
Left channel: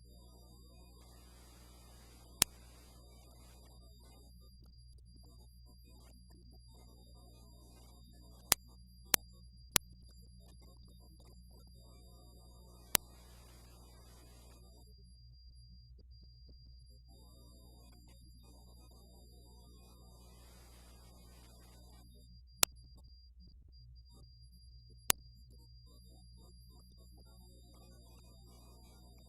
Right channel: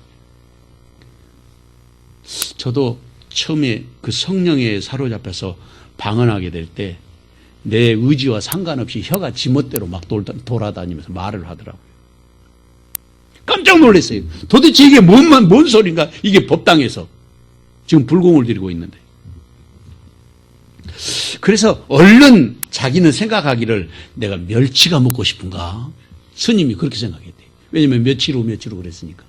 저도 처음에 그 성령에 사로잡혀서 방언하게 될 때 내 의지와 상관없이 혀가 지멋대로 막 돌아다니면서 말을 하더라고요. 깜짝 놀랐어요. 도대체 이게 뭔 소린가? 이게 법당에서 지금 불공을 들이고 있는데. 그래서 얼른 자기는 생각하기를 내가 멸치가 먹고 싶은가? 스님이 그렇게 생각했대요. 왜냐면 며칠 후 그랬으니까.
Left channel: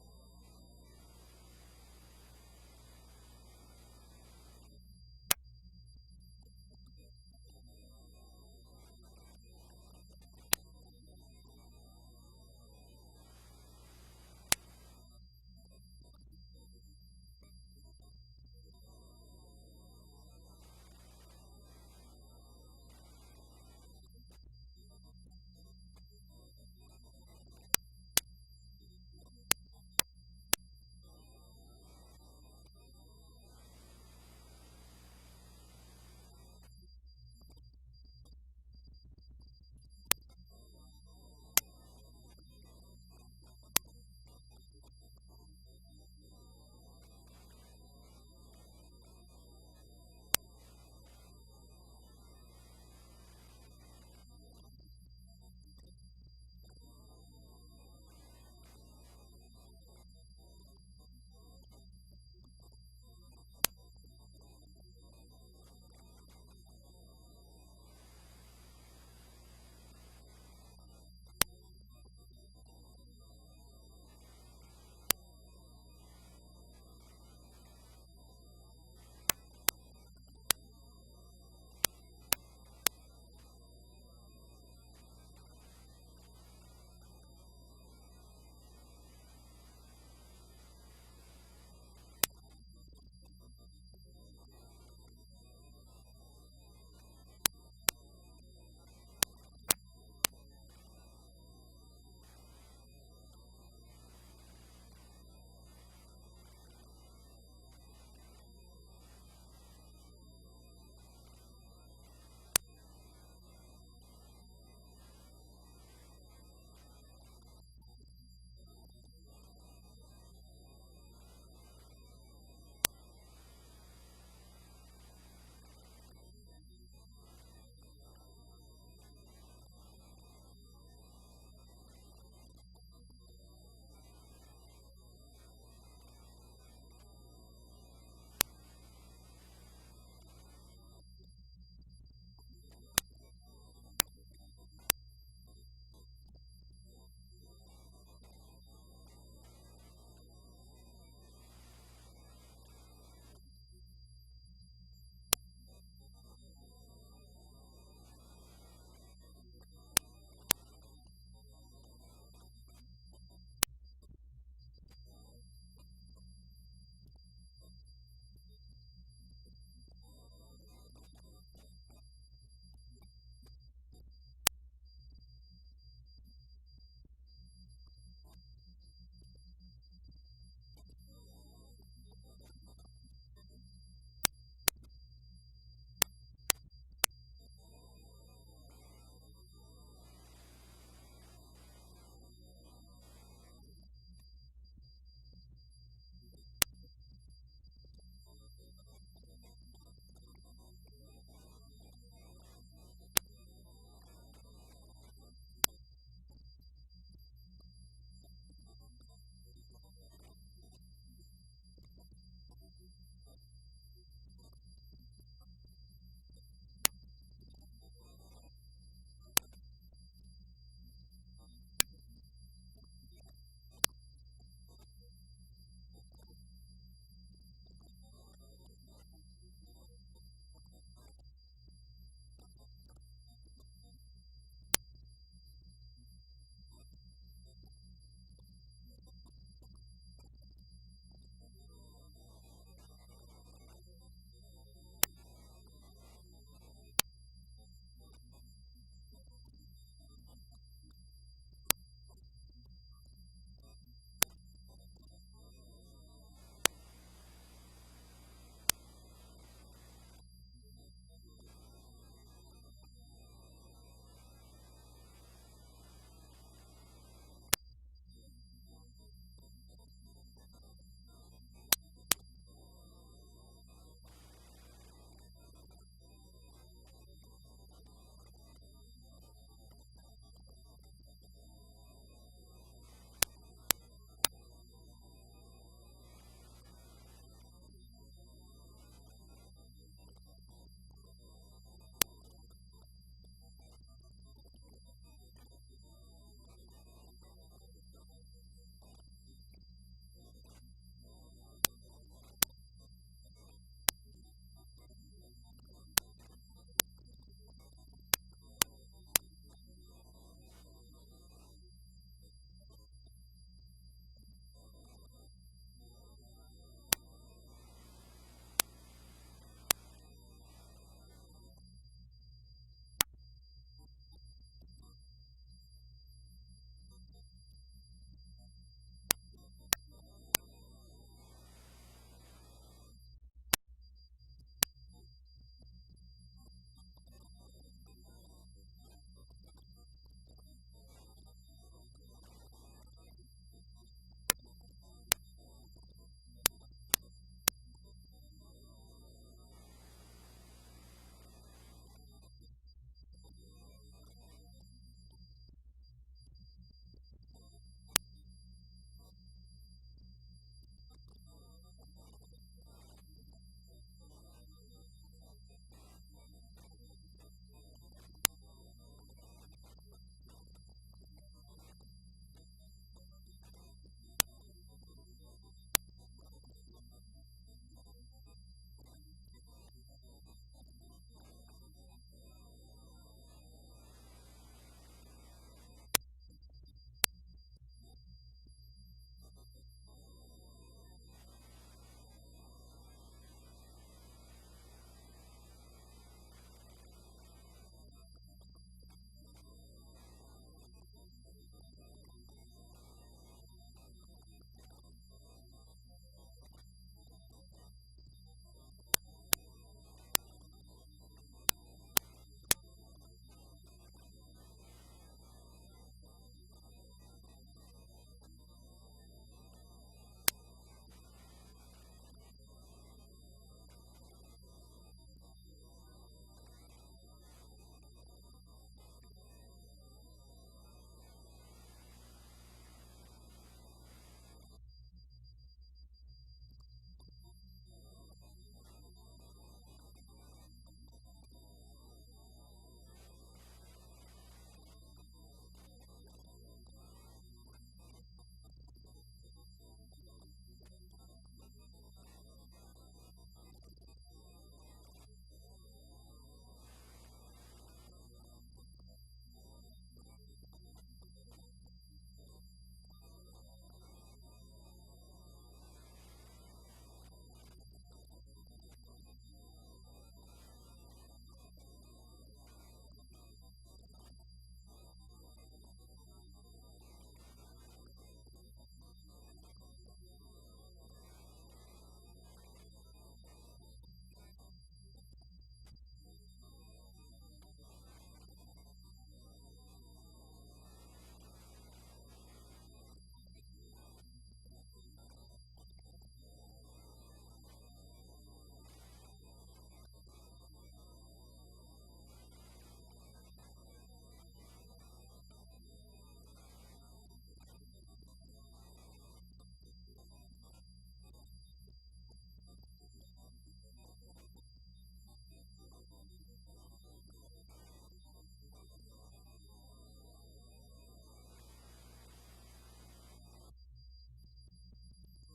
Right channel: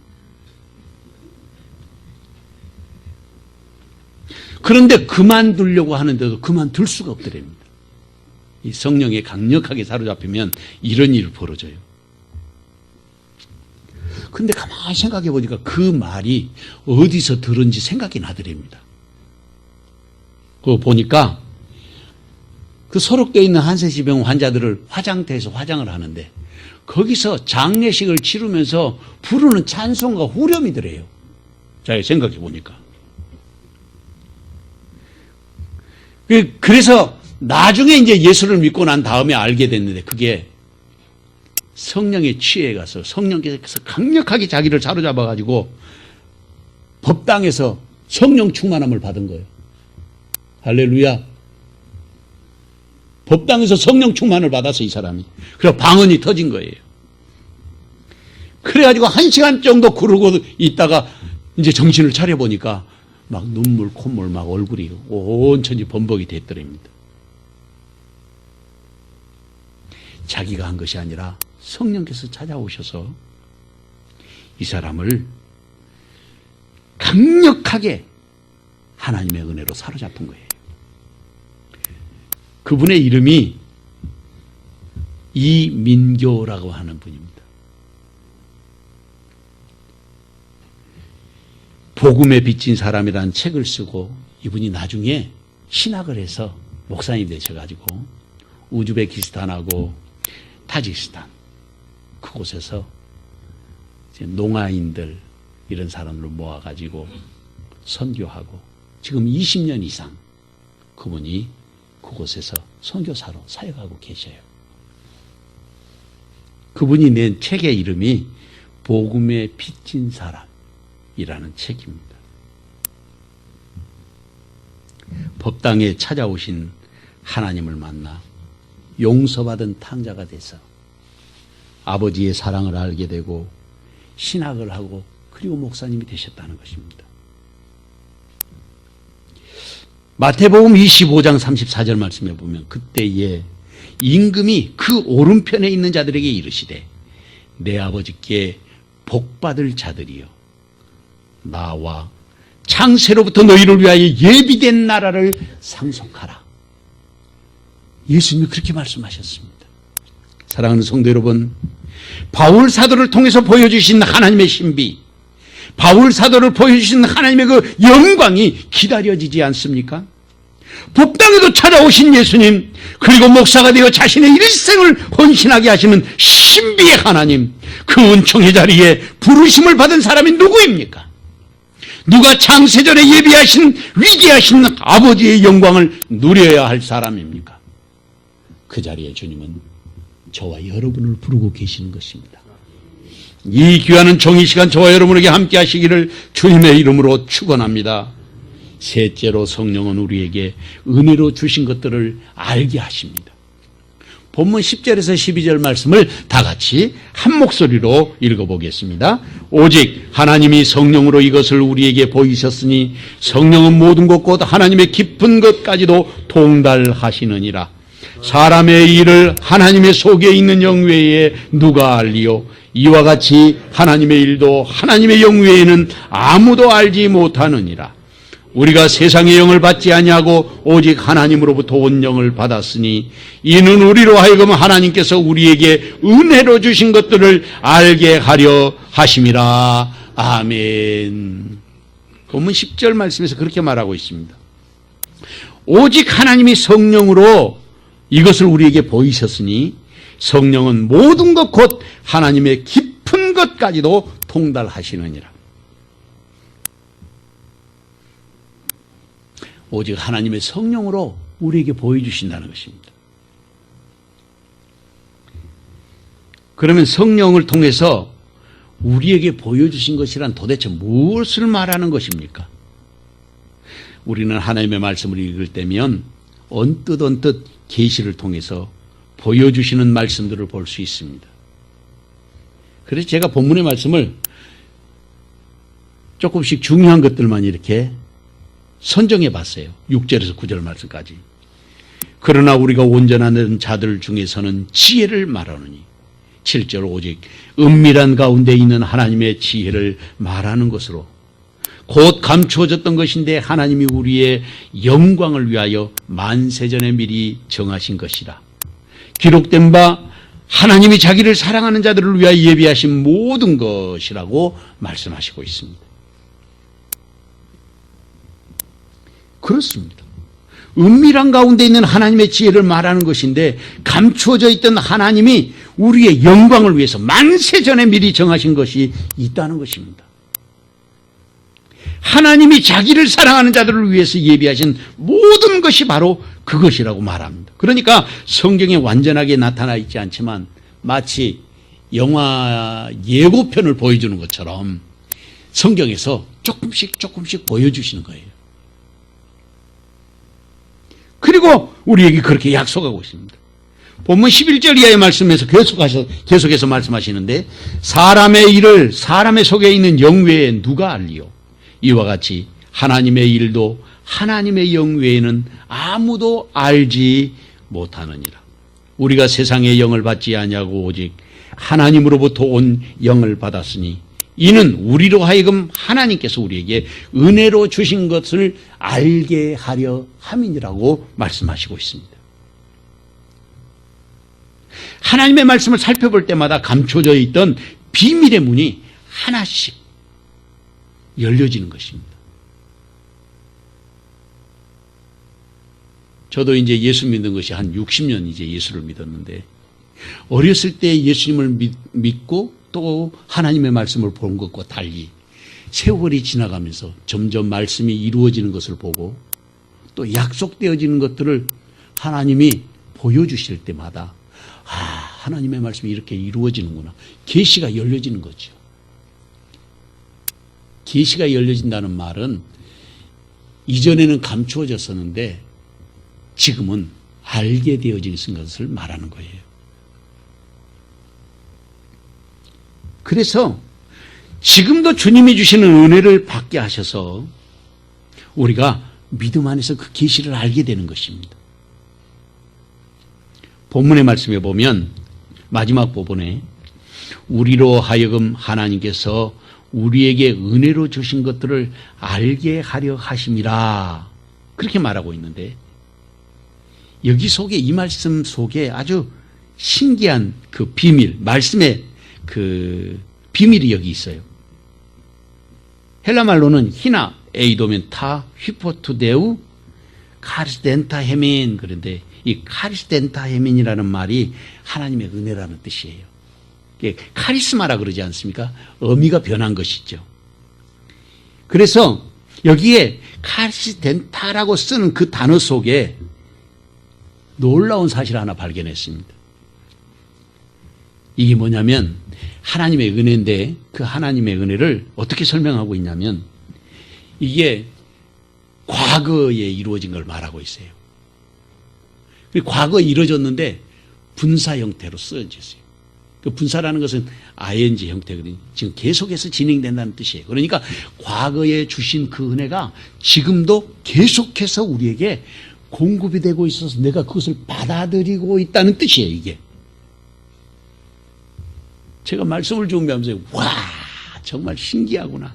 그런데 그만두려고 하는데도 그만둘 수가 없더랍니다. 이 성령에 강력하게 사로잡히면 이런 일이 벌어져요. 근데 가만히 생각해 보니까 그 말이 어디서 들은지 생각이 나더랍니다. 그거 보니까 그 소록되어 있는 한세시병 환자들을 화장터에서 화장을 하는데 거기서 장례식을 치르면서 부르는 찬송과 후렴이더래요. 자, 생각해 보니까. 그래서 나중에 이제 예수를 믿고 난 다음에 알게 됐는데 그게 성령에 취해 가서 성령께서 강력하게 자기를 사로잡아 가지고 법당에서 성령 충만함을 받은 거예요. 할렐루야. 법당에서 성령 충만을 받아서 이 사람이. 그래서 방언이 터진 거예요. 그래가지고 1시간 정도 그러고 있다가 이제 정신을 차려보니까 막 눈물, 콧물 막 얼굴이 온천지 범벅이 됐더랍니다. 자기가 한 것이 아니라 성령께서 찾아오셔서 이 사람을 강력하게 하나님의 은혜로 사로잡은 거예요. 그분의 이름이 이민교라고 하는 분입니다. 복음에 빚진 사람이라는 책을 쓰고 이분이 나중에 신학을 해서 목사님이 되셔가지고 우즈베키스탄하고 타지키스탄 그곳에서 농아인들 이런 사람들을 모아가지고 선교하고 지금 20년 이상 그분이 그곳에서 선교사로 사역하고 계셔요. 그분이 낸 책의 이름이 복음에 빚진 사람이라는 책입니다. 법당에 찾아오신 하나님을 만나 용서받은 탕자가 돼서 아버지의 사랑을 알게 되고 신학을 하고 그리고 목사님이 되셨다는 것입니다. 마태복음 25장 34절 말씀에 보면 그때에 임금이 그 오른편에 있는 자들에게 이르시되 내 아버지께 복받을 자들이여 나와 창세로부터 너희를 위하여 예비된 나라를 상속하라. 예수님이 그렇게 말씀하셨습니다. 사랑하는 성도 여러분, 바울 사도를 통해서 보여주신 하나님의 신비, 바울 사도를 보여주신 하나님의 그 영광이 기다려지지 않습니까? 법당에도 찾아오신 예수님, 그리고 목사가 되어 자신의 일생을 헌신하게 하시는 신비의 하나님, 그 은총의 자리에 부르심을 받은 사람이 누구입니까? 누가 창세전에 예비하신 위대하신 아버지의 영광을 누려야 할 사람입니까? 그 자리에 주님은 저와 여러분을 부르고 계시는 것입니다. 이 귀한 정의 시간 저와 여러분에게 함께 하시기를 주님의 이름으로 축원합니다. 셋째로 성령은 우리에게 은혜로 주신 것들을 알게 하십니다. 본문 10절에서 12절 말씀을 다 같이 한 목소리로 읽어보겠습니다. 오직 하나님이 성령으로 이것을 우리에게 보이셨으니 성령은 모든 것 곧 하나님의 깊은 것까지도 통달하시느니라. 사람의 일을 하나님의 속에 있는 영 외에 누가 알리요? 이와 같이 하나님의 일도 하나님의 영 외에는 아무도 알지 못하느니라. 우리가 세상의 영을 받지 아니하고 오직 하나님으로부터 온 영을 받았으니 이는 우리로 하여금 하나님께서 우리에게 은혜로 주신 것들을 알게 하려 하심이라. 아멘. 본문 10절 말씀에서 그렇게 말하고 있습니다. 오직 하나님이 성령으로 이것을 우리에게 보이셨으니 성령은 모든 것 곧 하나님의 깊은 것까지도 통달하시느니라. 오직 하나님의 성령으로 우리에게 보여주신다는 것입니다. 그러면 성령을 통해서 우리에게 보여주신 것이란 도대체 무엇을 말하는 것입니까? 우리는 하나님의 말씀을 읽을 때면 언뜻 계시를 통해서 보여주시는 말씀들을 볼 수 있습니다. 그래서 제가 본문의 말씀을 조금씩 중요한 것들만 이렇게 선정해 봤어요. 6절에서 9절 말씀까지. 그러나 우리가 온전한 자들 중에서는 지혜를 말하노니 7절 오직 은밀한 가운데 있는 하나님의 지혜를 말하는 것으로 곧 감추어졌던 것인데 하나님이 우리의 영광을 위하여 만세전에 미리 정하신 것이라. 기록된 바 하나님이 자기를 사랑하는 자들을 위하여 예비하신 모든 것이라고 말씀하시고 있습니다. 그렇습니다. 은밀한 가운데 있는 하나님의 지혜를 말하는 것인데 감추어져 있던 하나님이 우리의 영광을 위해서 만세전에 미리 정하신 것이 있다는 것입니다. 하나님이 자기를 사랑하는 자들을 위해서 예비하신 모든 것이 바로 그것이라고 말합니다. 그러니까 성경에 완전하게 나타나 있지 않지만 마치 영화 예고편을 보여주는 것처럼 성경에서 조금씩 보여주시는 거예요. 그리고 우리에게 그렇게 약속하고 있습니다. 본문 11절 이하의 말씀에서 계속해서 말씀하시는데 사람의 일을 사람의 속에 있는 영 외에 누가 알리요? 이와 같이 하나님의 일도 하나님의 영 외에는 아무도 알지 못하느니라. 우리가 세상의 영을 받지 아니하고 오직 하나님으로부터 온 영을 받았으니 이는 우리로 하여금 하나님께서 우리에게 은혜로 주신 것을 알게 하려 함이니라고 말씀하시고 있습니다. 하나님의 말씀을 살펴볼 때마다 감춰져 있던 비밀의 문이 하나씩 열려지는 것입니다. 저도 이제 예수 믿는 것이 한 60년 이제 예수를 믿었는데 어렸을 때 예수님을 믿고 또 하나님의 말씀을 본 것과 달리 세월이 지나가면서 점점 말씀이 이루어지는 것을 보고 또 약속되어지는 것들을 하나님이 보여주실 때마다 하나님의 말씀이 이렇게 이루어지는구나. 계시가 열려지는 거죠. 계시가 열려진다는 말은 이전에는 감추어졌었는데 지금은 알게 되어진 것을 말하는 거예요. 그래서 지금도 주님이 주시는 은혜를 받게 하셔서 우리가 믿음 안에서 그 계시를 알게 되는 것입니다. 본문의 말씀에 보면 마지막 부분에 우리로 하여금 하나님께서 우리에게 은혜로 주신 것들을 알게 하려 하심이라 그렇게 말하고 있는데 여기 속에 이 말씀 속에 아주 신기한 그 비밀, 말씀의 그 비밀이 여기 있어요. 헬라 말로는 히나 에이도멘 타 휘포투데우 카리스덴타 헤민 그런데 이 카리스덴타 헤민이라는 말이 하나님의 은혜라는 뜻이에요. 카리스마라 그러지 않습니까? 의미가 변한 것이죠. 그래서 여기에 카리스덴타라고 쓰는 그 단어 속에 놀라운 사실 하나 발견했습니다. 이게 뭐냐면 하나님의 은혜인데 그 하나님의 은혜를 어떻게 설명하고 있냐면 이게 과거에 이루어진 걸 말하고 있어요. 과거에 이루어졌는데 분사 형태로 쓰여졌어요. 그 분사라는 것은 ing 형태거든요. 지금 계속해서 진행된다는 뜻이에요. 그러니까 과거에 주신 그 은혜가 지금도 계속해서 우리에게 공급이 되고 있어서 내가 그것을 받아들이고 있다는 뜻이에요. 이게 제가 말씀을 준비하면서 와 정말 신기하구나.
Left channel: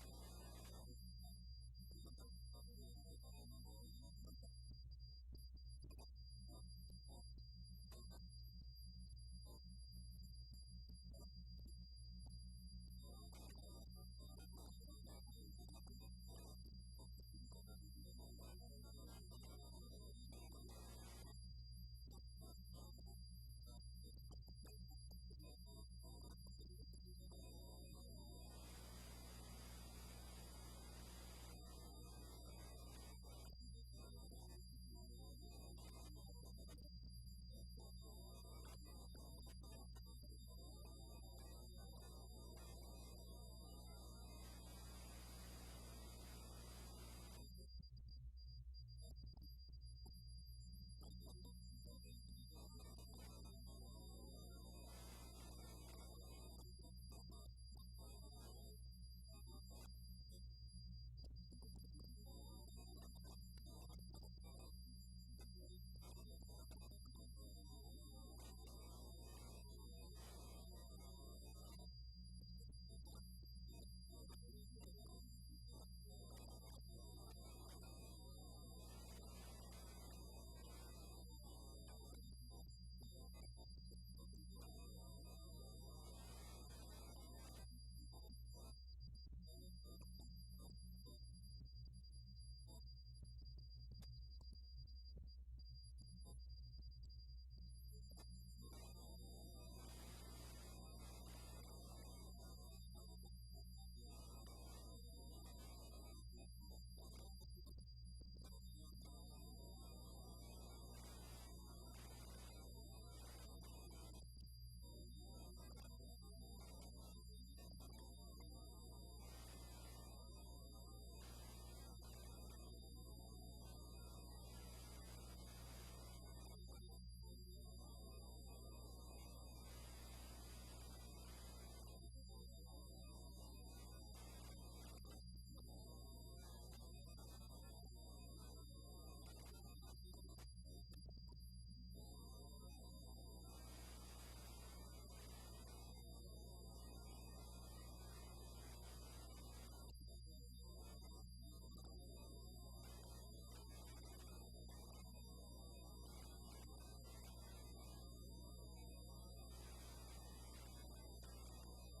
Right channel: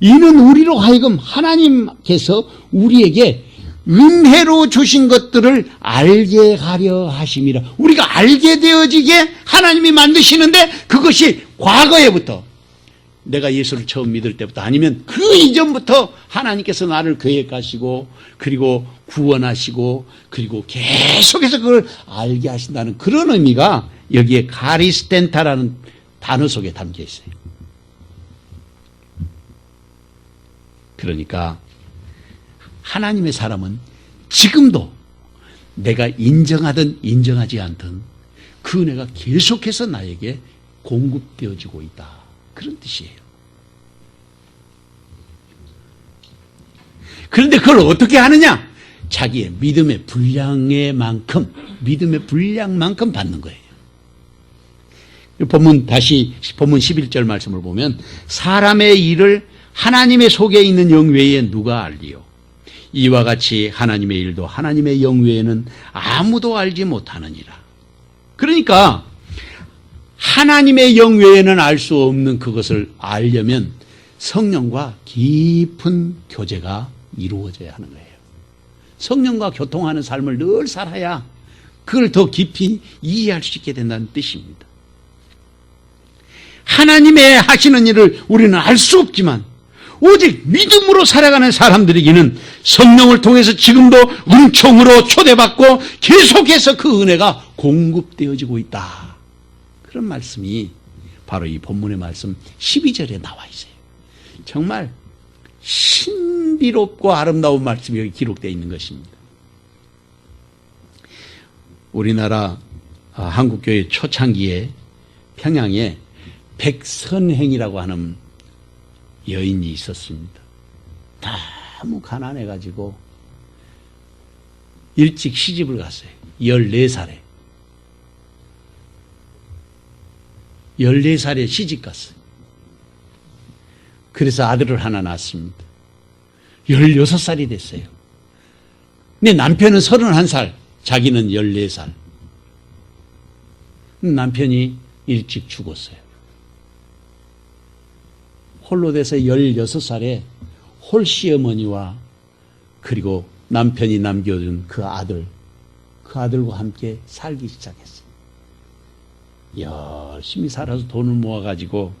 이는 우리로 하여금 하나님께서 우리에게 은혜로 주신 것들을 알게 하려 하심이라. 우리가 알게 되어지게 하나님이 만드시는데 그것이 과거에부터 내가 예수를 처음 믿을 때부터 아니면 그 이전부터 하나님께서 나를 계획하시고 그리고 구원하시고 그리고 계속해서 그걸 알게 하신다는 그런 의미가 여기에 카리스텐타라는 단어 속에 담겨 있어요. 그러니까 하나님의 사람은 지금도 내가 인정하든 인정하지 않든 그 은혜가 계속해서 나에게 공급되어지고 있다. 그런 뜻이에요. 그런데 그걸 어떻게 하느냐? 자기의 믿음의 분량만큼 받는 거예요. 본문 11절 말씀을 보면 사람의 일을 하나님의 속에 있는 영 외에 누가 알리요? 이와 같이 하나님의 일도 하나님의 영 외에는 아무도 알지 못하느니라. 그러니까 하나님의 영 외에는 알 수 없는 그것을 알려면 성령과 깊은 교제가 이루어져야 하는 거예요. 성령과 교통하는 삶을 늘 살아야 그걸 더 깊이 이해할 수 있게 된다는 뜻입니다. 하나님의 하시는 일을 우리는 알 수 없지만 오직 믿음으로 살아가는 사람들에게는 성령을 통해서 지금도 은총으로 초대받고 계속해서 그 은혜가 공급되어지고 있다. 그런 말씀이 바로 이 본문의 말씀 12절에 나와 있어요. 정말 신비롭고 아름다운 말씀이 여기 기록되어 있는 것입니다. 우리나라 한국교회 초창기에 평양에 백선행이라고 하는 여인이 있었습니다. 너무 가난해가지고 일찍 시집을 갔어요. 14살에. 14살에 시집 갔어요. 그래서 아들을 하나 낳았습니다. 16살이 됐어요. 근데 남편은 31살, 자기는 14살. 남편이 일찍 죽었어요. 홀로 돼서 16살에 홀시어머니와 그리고 남편이 남겨준 그 아들과 함께 살기 시작했어요. 열심히 살아서 돈을 모아가지고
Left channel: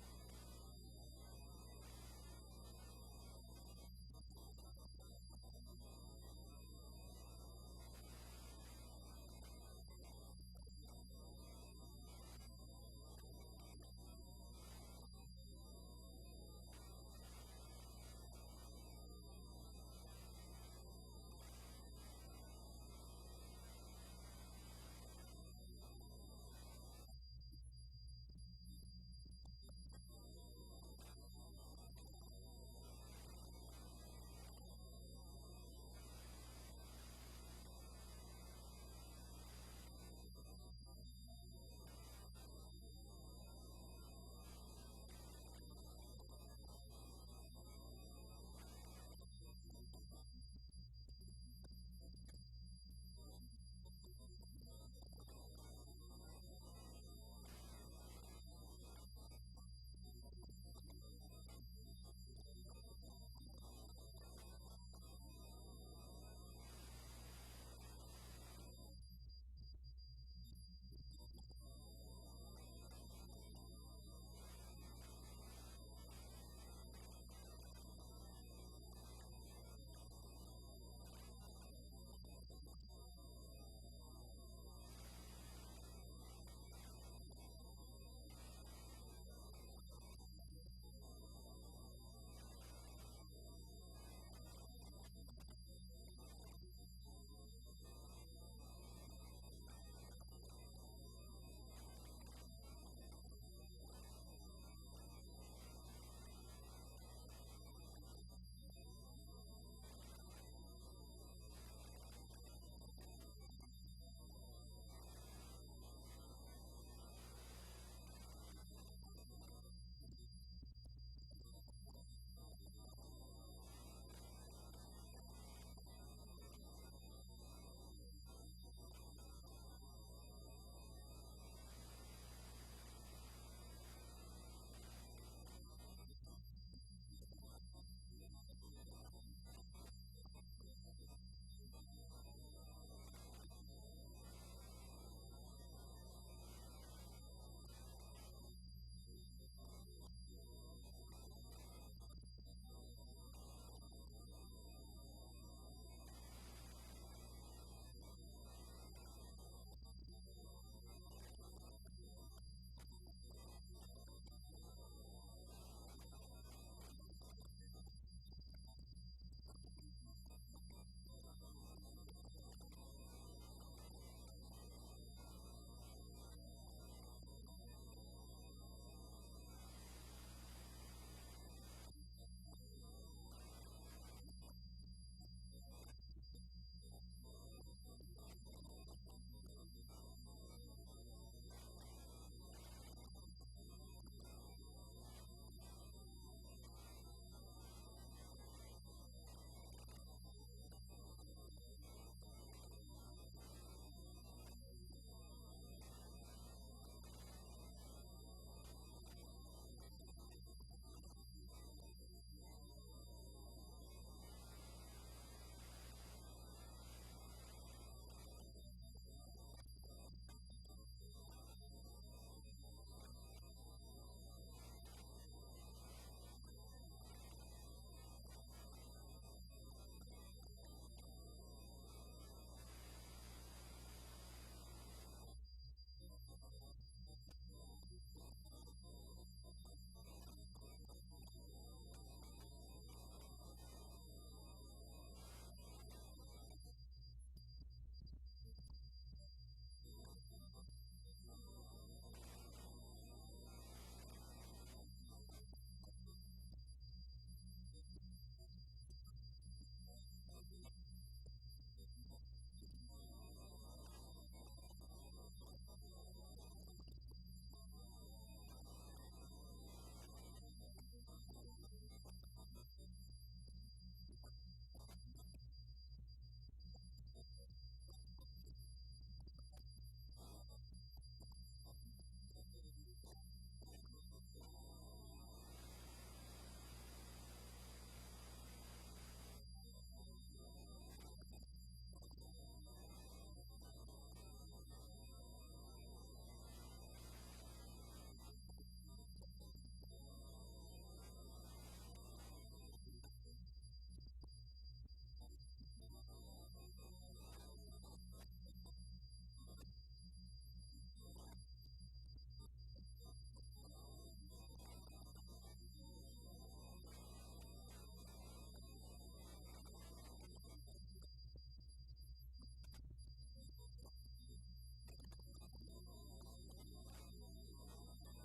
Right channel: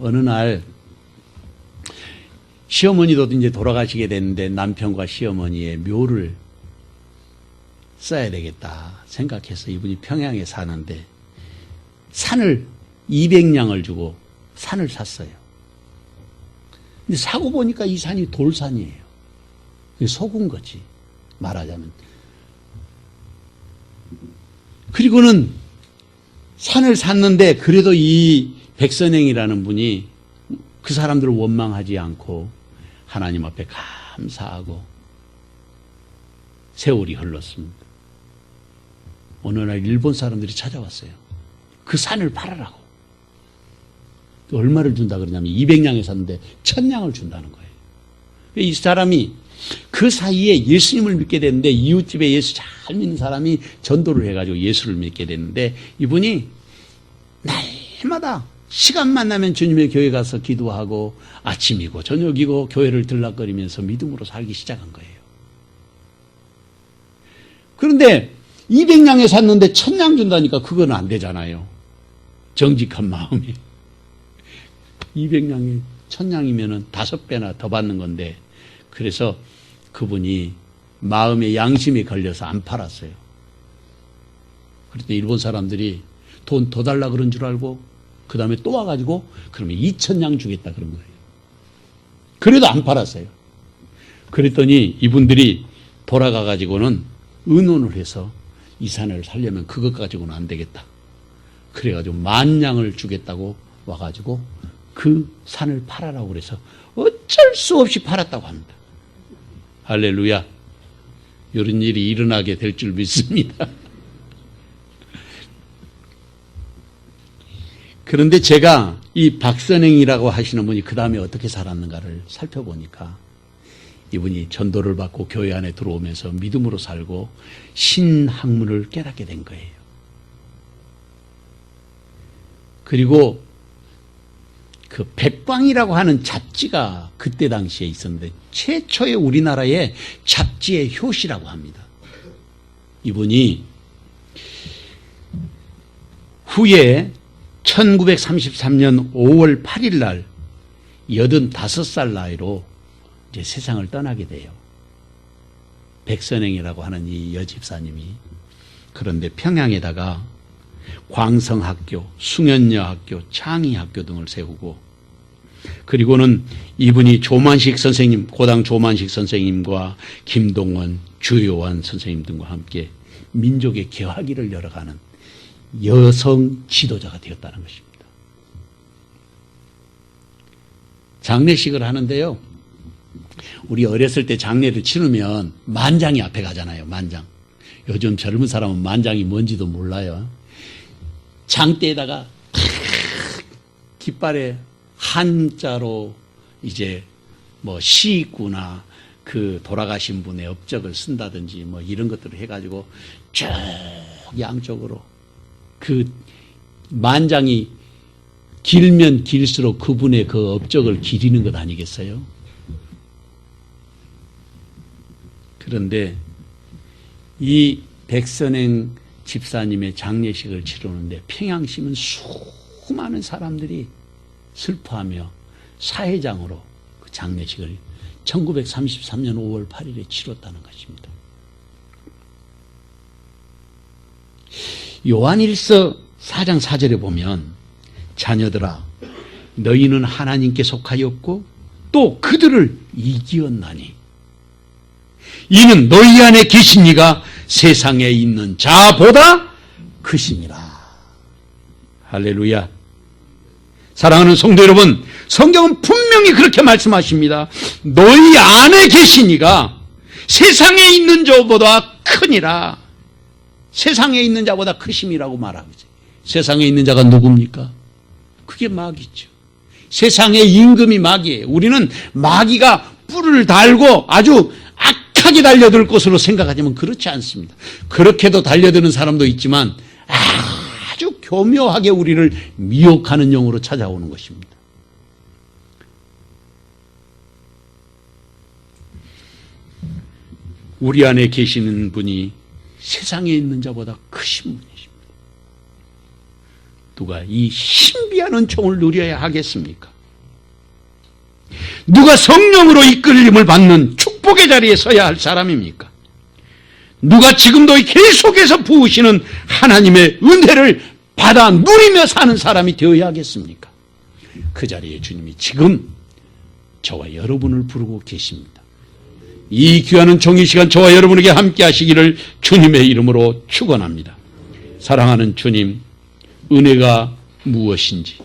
어느 날 시어머니도 이제 돌아가시게 됐는데 남편과 시어머니의 묘를 써야 되겠다 생각해서 이분이 평양에 사는데 산을 200냥을 주고 산을 샀어요. 근데 사고 보니까 이 산이 돌산이에요. 속은 거지, 말하자면. 그리고는 산을 샀는데 그래도 이 백선행이라는 분이 그 사람들을 원망하지 않고 하나님 앞에 감사하고 세월이 흘렀습니다. 어느 날 일본 사람들이 찾아왔어요. 그 산을 팔아라고. 얼마를 준다 그러냐면 200냥에 샀는데 1000냥을 준다는 거예요. 이 사람이 그 사이에 예수님을 믿게 됐는데 이웃집에 예수 잘 믿는 사람이 전도를 해가지고 예수를 믿게 됐는데 이분이 날마다 시간만 나면 주님의 교회 가서 기도하고 아침이고 저녁이고 교회를 들락거리면서 믿음으로 살기 시작한 거예요. 그런데 200냥에 샀는데 1000냥 준다니까 그건 안 되잖아요. 정직한 마음이. 200냥이 1000냥이면은 5배나 더 받는 건데 그래서 그분이 마음의 양심이 걸려서 안 팔았어요. 그런데 일본 사람들이 돈 더 달라 그런 줄 알고 그 다음에 또 와가지고 그러면 2000냥 주겠다 그런 거예요. 그래도 안 팔았어요. 그랬더니 이분들이 돌아가가지고는 의논을 해서 이 산을 살려면 그것 가지고는 안 되겠다. 그래가지고 10,000냥을 주겠다고 와가지고 그 산을 팔아라고 그래서 어쩔 수 없이 팔았다고 합니다. 할렐루야. 이런 일이 일어나게 될 줄 믿습니다. 그런데 제가 이 박선행이라고 하시는 분이 그 다음에 어떻게 살았는가를 살펴보니까 이분이 전도를 받고 교회 안에 들어오면서 믿음으로 살고 신학문을 깨닫게 된 거예요. 그리고 그 백광이라고 하는 잡지가 그때 당시에 있었는데 최초의 우리나라의 잡지의 효시라고 합니다. 이분이 후에 1933년 5월 8일 날 85살 나이로 이제 세상을 떠나게 돼요. 백선행이라고 하는 이 여집사님이. 그런데 평양에다가 광성학교, 숭연여학교, 창의학교 등을 세우고 그리고는 이분이 조만식 선생님, 고당 조만식 선생님과 김동원, 주요한 선생님 등과 함께 민족의 개화기를 열어가는 여성 지도자가 되었다는 것입니다. 장례식을 하는데요. 우리 어렸을 때 장례를 치르면 만장이 앞에 가잖아요. 만장. 요즘 젊은 사람은 만장이 뭔지도 몰라요. 장대에다가 깃발에 한자로 이제 뭐 시구나 그 돌아가신 분의 업적을 쓴다든지 뭐 이런 것들을 해가지고 쭉 양쪽으로 그 만장이 길면 길수록 그분의 그 업적을 기리는 것 아니겠어요? 그런데 이 백선행 집사님의 장례식을 치르는데 평양시민 수많은 사람들이 슬퍼하며 사회장으로 그 장례식을 1933년 5월 8일에 치렀다는 것입니다. 요한일서 4장 4절에 보면 자녀들아 너희는 하나님께 속하였고 또 그들을 이기었나니 이는 너희 안에 계신 이가 세상에 있는 자보다 크심이라. 할렐루야. 사랑하는 성도 여러분, 성경은 분명히 그렇게 말씀하십니다. 너희 안에 계신 이가 세상에 있는 자보다 크니라. 세상에 있는 자보다 크심이라고 말하고 있어요. 세상에 있는 자가 누굽니까? 그게 마귀죠. 세상의 임금이 마귀예요. 우리는 마귀가 뿔을 달고 아주 악하게 달려들 것으로 생각하지만 그렇지 않습니다. 그렇게도 달려드는 사람도 있지만 아주 교묘하게 우리를 미혹하는 영으로 찾아오는 것입니다. 우리 안에 계시는 분이 세상에 있는 자보다 크신 분이십니다. 누가 이 신비한 은총을 누려야 하겠습니까? 누가 성령으로 이끌림을 받는 축복의 자리에 서야 할 사람입니까? 누가 지금도 계속해서 부으시는 하나님의 은혜를 받아 누리며 사는 사람이 되어야 하겠습니까? 그 자리에 주님이 지금 저와 여러분을 부르고 계십니다. 이 귀한 은총의 시간 저와 여러분에게 함께 하시기를 주님의 이름으로 축원합니다. 사랑하는 주님, 은혜가 무엇인지,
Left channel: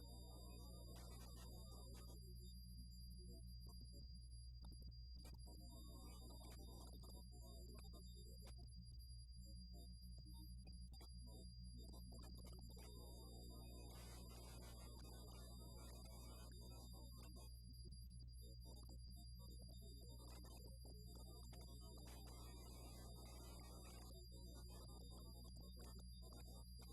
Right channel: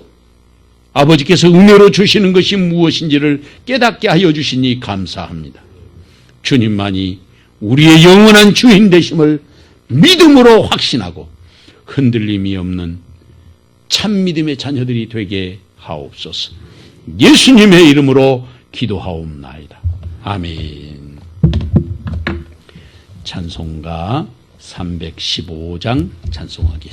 아버지께서 은혜로 주시는 것이 무엇인지를 깨닫게 하여 주시니 감사합니다. 주님만이 우리의 영원한 주인 되심을 믿음으로 확신하고 흔들림이 없는 참 믿음의 자녀들이 되게 하옵소서. 예수님의 이름으로 기도하옵나이다. 아멘. 찬송가 315장 찬송하겠습니다.